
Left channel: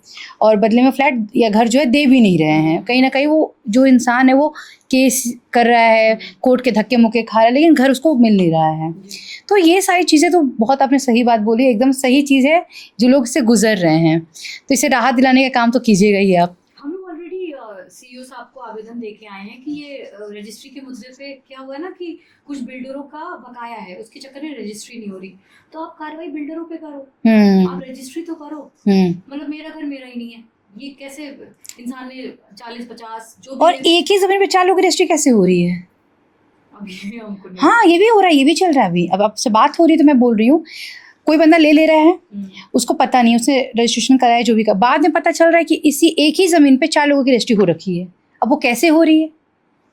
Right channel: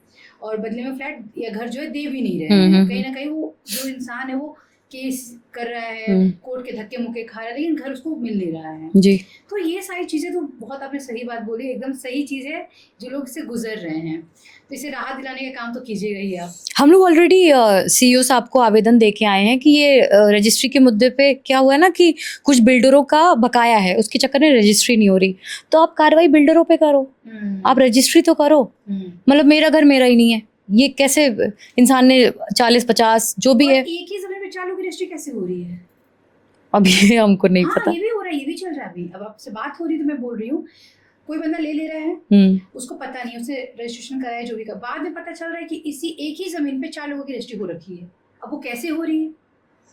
और बदले में फ्लैट या घर जो है दे भी नहीं रहे हैं। कहीं ना कहीं वो जो इंसान है वो केस कर रहा है, कोर्ट के धक्के मुक्के खा रहा है, लेकिन घर उसको मिल नहीं रहा है जी। तो ये सारी चीज़ें तो बहुत आपने सही बात बोली, एकदम सही चीज़ है जो लोग इससे गुजर रहे हैं, तो इसे राहत दिलाने का काम तो कीजिएगा ही आप। हम लोग ऑलरेडी CEO साहब को आवेदन दे के आए हैं कि ये रजिस्ट्री के मुद्दे पे क्या हुआ है ना कि कुछ बिल्डरों का बकाया है, उसके चक्कर में रजिस्ट्री नहीं हो रही, तो आप कार्रवाई बिल्डरों पे करो, आप रजिस्ट्री तो करो। मतलब मेरा घर मेरा ही नहीं है, ये कैसे इंसान ने 40-50 जो भी है, एक ही जमीन पे 4 लोगों की रजिस्ट्री कैसे हो रही है? अब ये हमको नहीं पता। ये भी हो रहा है, ये भी चल रहा है अभी। अब आपसे बात हो रही है तो मैं बोल रही हूँ, कोई बंदा ले रहा है, उसको पता नहीं, उसने रजिस्ट्रेशन कराया जो भी का, बाद में पता चल रहा है कि इसी एक ही ज़मीन पे 4 लोगों की रजिस्ट्री हो रखी है। अब वो कैसे हो रही है,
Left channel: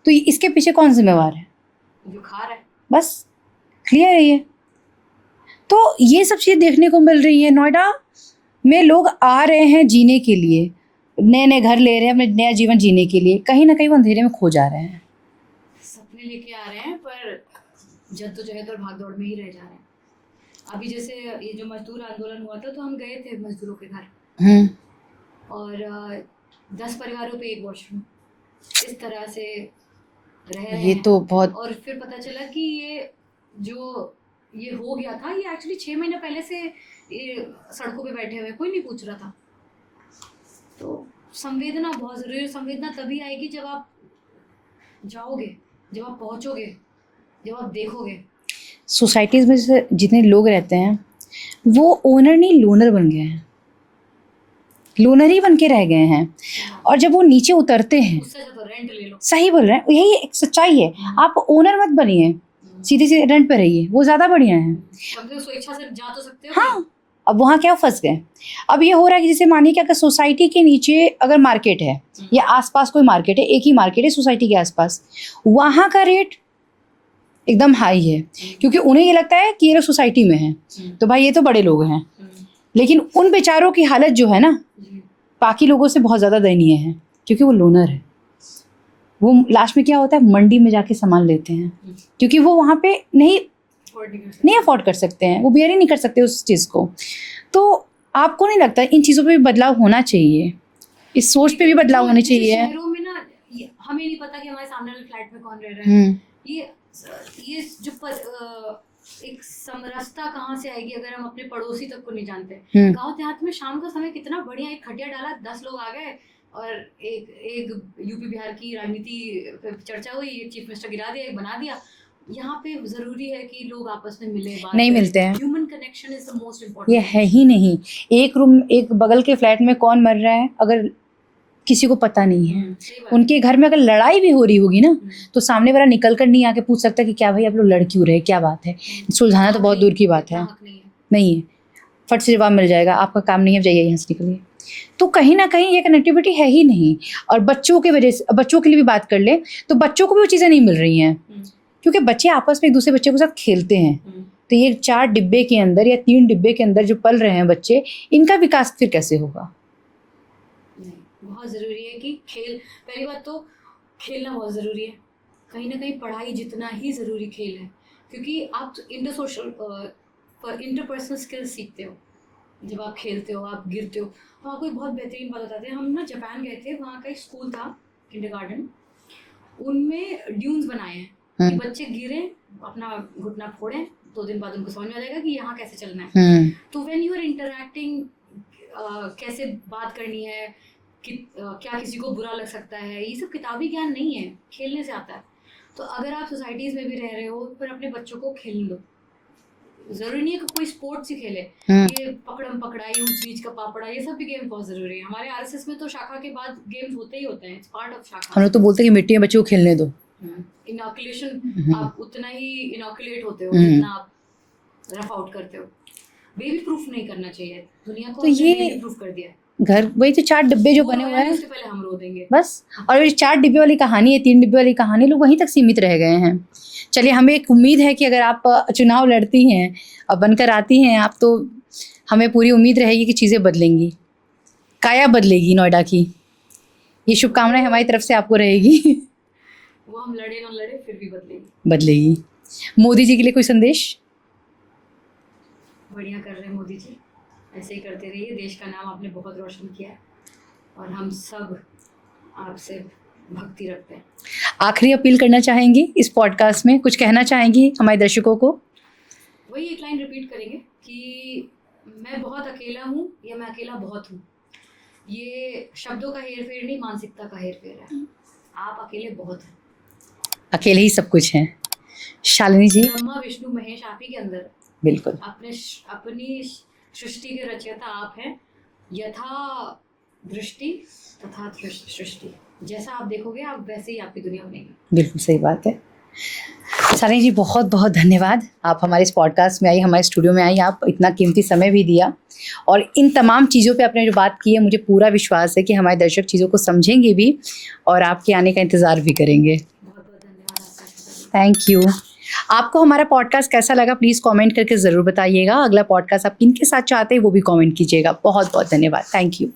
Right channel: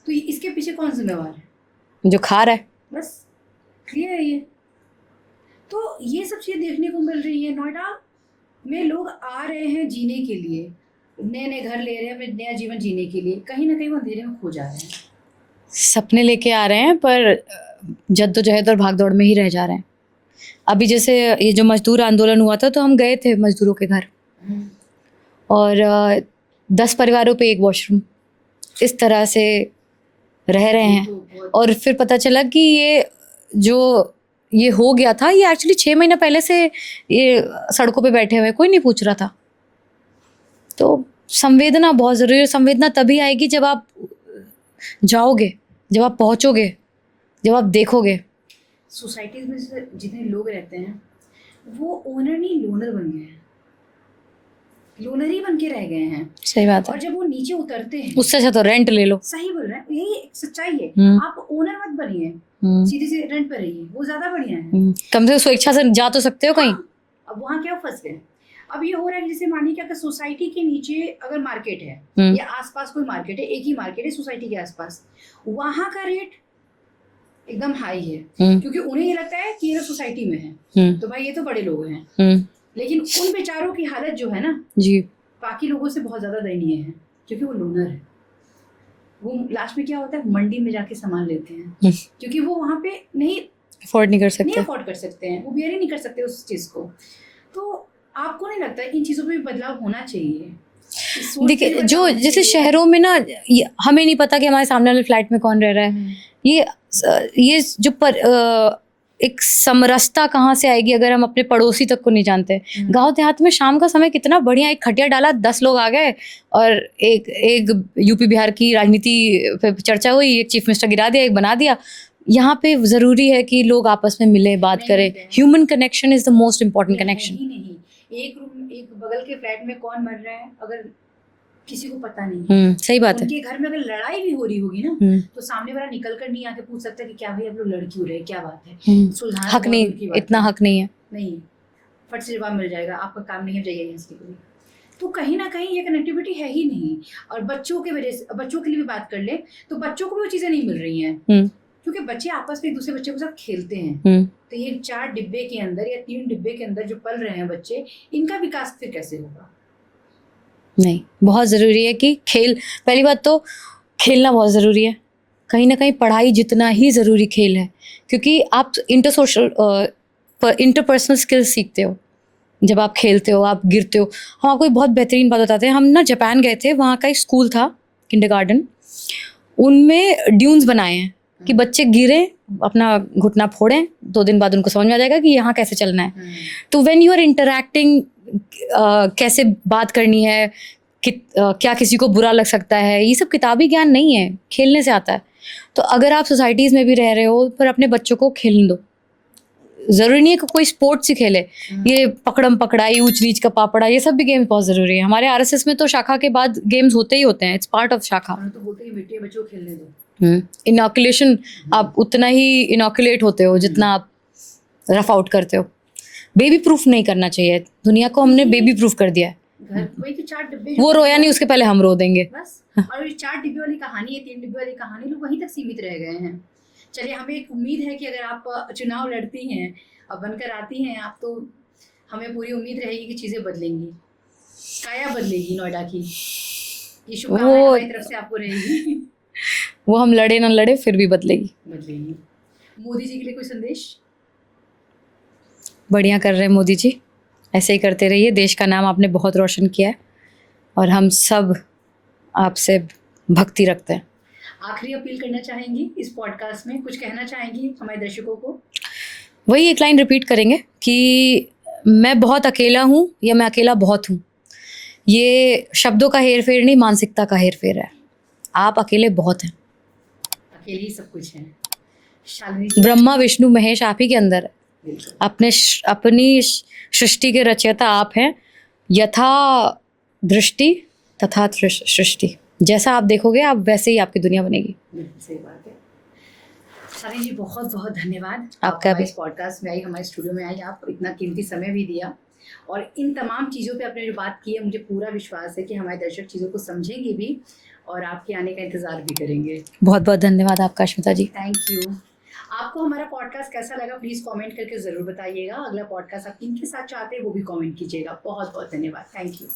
तो इसके पीछे कौन जिम्मेवार है? जो खा रहा है, बस क्लियर है ये। तो ये सब चीज़ें देखने को मिल रही है। नोएडा में लोग आ रहे हैं जीने के लिए, नए नए घर ले रहे हैं, अपने नया जीवन जीने के लिए, कहीं ना कहीं वो अंधेरे में खो जा रहे हैं। सपने लेके आ रहे हैं पर जद्दोजहद और भागदौड़ में ही रह जा रहे हैं। अभी जैसे ये जो मजदूर आंदोलन हुआ था तो हम गए थे मजदूरों के घर, और 10 परिवारों पे 1 वॉशरूम, इस तरह से रह रहे हैं। तो बहुत, और फिर पता चला कि ये हो गया था, ये एक्चुअली 6 महीना पहले से ये सड़कों पे बैठे हुए, कोई नहीं पूछ रहा था। तो संवेदना बहुत ज़रूरी है। संवेदना तभी आएगी जब आप जाओगे, जब आप पहुँचोगे, जब आप देखोगे। सोसाइटीज़ में जैसे जितने लोग रहते हैं वो ओनर नहीं लोनर बन गए हैं, लोनर ही बन के रह गए हैं। सही बात। और जब वो नीचे उतरते हैं, उससे अच्छा तो रेंट ले लो। सही बोल रहे हैं, यही एक सच्चाई है। आप ओनर मत बनिए, सीधे सीधे रेंट पे रहिए, वो ज़्यादा बढ़िया है। कम से कम स्वेच्छा से जा तो सकते हो कहीं। अब वहाँ क्या फंस गए। अब ये हो रहा है कि जैसे मानिए कि अगर सोसाइटी के नीचे अगर मार्केट है या आसपास कोई मार्केट है, एक ही मार्केट है सोसाइटी के आसपास, वहाँ का रेट एकदम हाई है क्योंकि उन्हें ये लगता है कि ये लोग सोसाइटी में हैं तो भाई ये तो बड़े लोग हैं। लेकिन उन बेचारों की हालत जो है ना जी, बाकी लोगों से बहुत ज़्यादा दयनीय है क्योंकि वो लोनर है। वो लास्ट में क्या होता है, मंडी में जाके सामान लेते हैं क्योंकि वो वहाँ पे नहीं अफोर्ड कर सकते हैं, वो बियर ही नहीं कर सकते उस चीज़ को। तो आपको नहीं लगता इन चीज़ों पे भी बदलाव होना चाहिए, इस सोच पे भी बदलाव होना चाहिए? जैसे शहरों में ना हमें नहीं पता कि हमारे सामने वाले फ्लैट में कौन रह रहा है। ये जो एक समरसता कहाँ से आएगी अगर हम अपने पड़ोसी तक को नहीं जानते। गांव देहात में शाम का समय कितना बढ़िया, एक खटिया डाला 10 लोग आ गए और एक यूपी बिहार की राजनीति पे चर्चा हुई, एक चीफ मिनिस्टर गिरा दिया, एक बना दिया। यहाँ पे जरूरी है कि लोग आपस में मिले, बात करें। Human connection is the most important connection. है ही नहीं। एक बगल के फ्लैट में कौन मर रहा है अगर किसी को पता नहीं है, सही बात उनके घर में अगर लड़ाई भी हो रही होगी ना तो सामने वाला निकल कर नहीं आके पूछ सकता कि क्या भाई आप लोग लड़ क्यों रहे, क्या बात है, सुलझाना तो बहुत दूर की बात है। इतना हक नहीं है, फट से जवाब मिल जाएगा, आपका काम नहीं है, जाइए यहाँ से निकलिए। तो कहीं ना कहीं ये कनेक्टिविटी है ही नहीं। और बच्चों के वजह से, बच्चों के लिए भी बात कर ले तो बच्चों को भी वो चीज़ें नहीं मिल रही हैं क्योंकि बच्चे आपस में एक दूसरे बच्चे के साथ खेलते हैं। तो ये 4 डिब्बे के अंदर या 3 डिब्बे के अंदर जो पल रहे हैं बच्चे, इनका विकास फिर कैसे होगा? नहीं, बहुत ज़रूरी है कि पहली बात तो खेलना बहुत ज़रूरी है। कहीं ना कहीं पढ़ाई जितना ही ज़रूरी खेल है, क्योंकि आप इंटरपर्सनल स्किल्स सीखते हो जब आप खेलते हो, आप गिरते हो। हम आपको एक बहुत बेहतरीन बात बताते हैं। हम ना जापान गए थे, वहाँ का एक स्कूल था किंडरगार्टन, उनमें ड्यून्स बनाए हैं कि बच्चे गिरे, अपना घुटना फोड़ें, 2 दिन बाद उनको समझ में आ जाएगा कि यहाँ कैसे चलना है। तो व्हेन यू आर इंटरैक्टिंग, कैसे बात करनी है, क्या किसी को बुरा लग सकता है, ये सब किताबी ज्ञान नहीं है, खेलने से आता है। तो अगर आप सोसाइटीज़ में भी रह रहे हो पर अपने बच्चों को खेलने दो। ज़रूरी नहीं है कि कोई स्पोर्ट्स ही खेले, ये पकड़म पकड़ाई, ऊंच नीच का पापड़ा, ये सब भी गेम्स बहुत ज़रूरी है। हमारे आरएसएस में तो शाखा के बाद गेम्स होते ही होते हैं, इट्स पार्ट ऑफ शाखा। हम लोग तो बोलते हैं कि मिट्टी में बच्चों को खेलने दो। इनॉकुलेशन, आप उतना ही इनॉकुलेट होते हो जितना आप रफ आउट करते हो। बेबी प्रूफ नहीं करना चाहिए दुनिया को, हमने बेबी प्रूफ कर दिया है। घर वही तो 4 डिब्बे जो वो रोया नहीं, उसके पहले हम रो देंगे बस। और ये 4 डिब्बे वाली कहानी है, 3 डिब्बे वाली कहानी, लोग वहीं तक सीमित रह गए हैं। चलिए, हमें एक उम्मीद है कि अगर आप चुनाव लड़ती हैं और बनकर आती हैं आप, तो हमें पूरी उम्मीद रहेगी कि चीज़ें बदलेंगी, काया बदलेगी नोएडा की। ये शुभकामनाएं हमारी तरफ से आपको रहेगी। वो हम लड़े ना लड़े फिर भी बदलेगी। मोदी जी के लिए कोई संदेश? बढ़िया कर रहे हैं मोदी जी, ऐसे ही करते रहिए। देश का नाम आपने बहुत रोशन किया है और हम सब आपसे भक्ति रखते हैं। आखिरी अपील करना चाहेंगी इस पॉडकास्ट में, कुछ कहना चाहेंगी हमारे दर्शकों को? वही एक लाइन रिपीट करेंगे कि मैं बहुत अकेला हूँ या मैं अकेला बहुत हूँ। ये शब्दों का हेर फेर नहीं, मानसिकता का हेर फेर है। आप अकेले बहुत हैं, अकेले ही सब कुछ है। शालिनी जी, ब्रह्मा विष्णु महेश आप ही के अंदर है। बिल्कुल, अपनी सृष्टि के रचयिता आप हैं। यथा दृष्टि तथा सृष्टि, जैसा आप देखोगे आप वैसे ही आपकी दुनिया बनेगी। बिल्कुल सही बात है। शालिनी जी, बहुत बहुत धन्यवाद। आप हमारे इस पॉडकास्ट में आई, हमारे स्टूडियो में आई, आप इतना कीमती समय भी दिया और इन तमाम चीज़ों पे आपने जो बात की है, मुझे पूरा विश्वास है कि हमारे दर्शक चीज़ों को समझेंगे भी और आपके आने का इंतज़ार भी करेंगे। बहुत बहुत धन्यवाद आपका अश्मिता जी। Thank you. आपको हमारा पॉडकास्ट कैसा लगा प्लीज़ कमेंट करके ज़रूर बताइएगा। अगला पॉडकास्ट आप किनके साथ चाहते हैं वो भी कमेंट कीजिएगा। बहुत बहुत धन्यवाद। Thank you.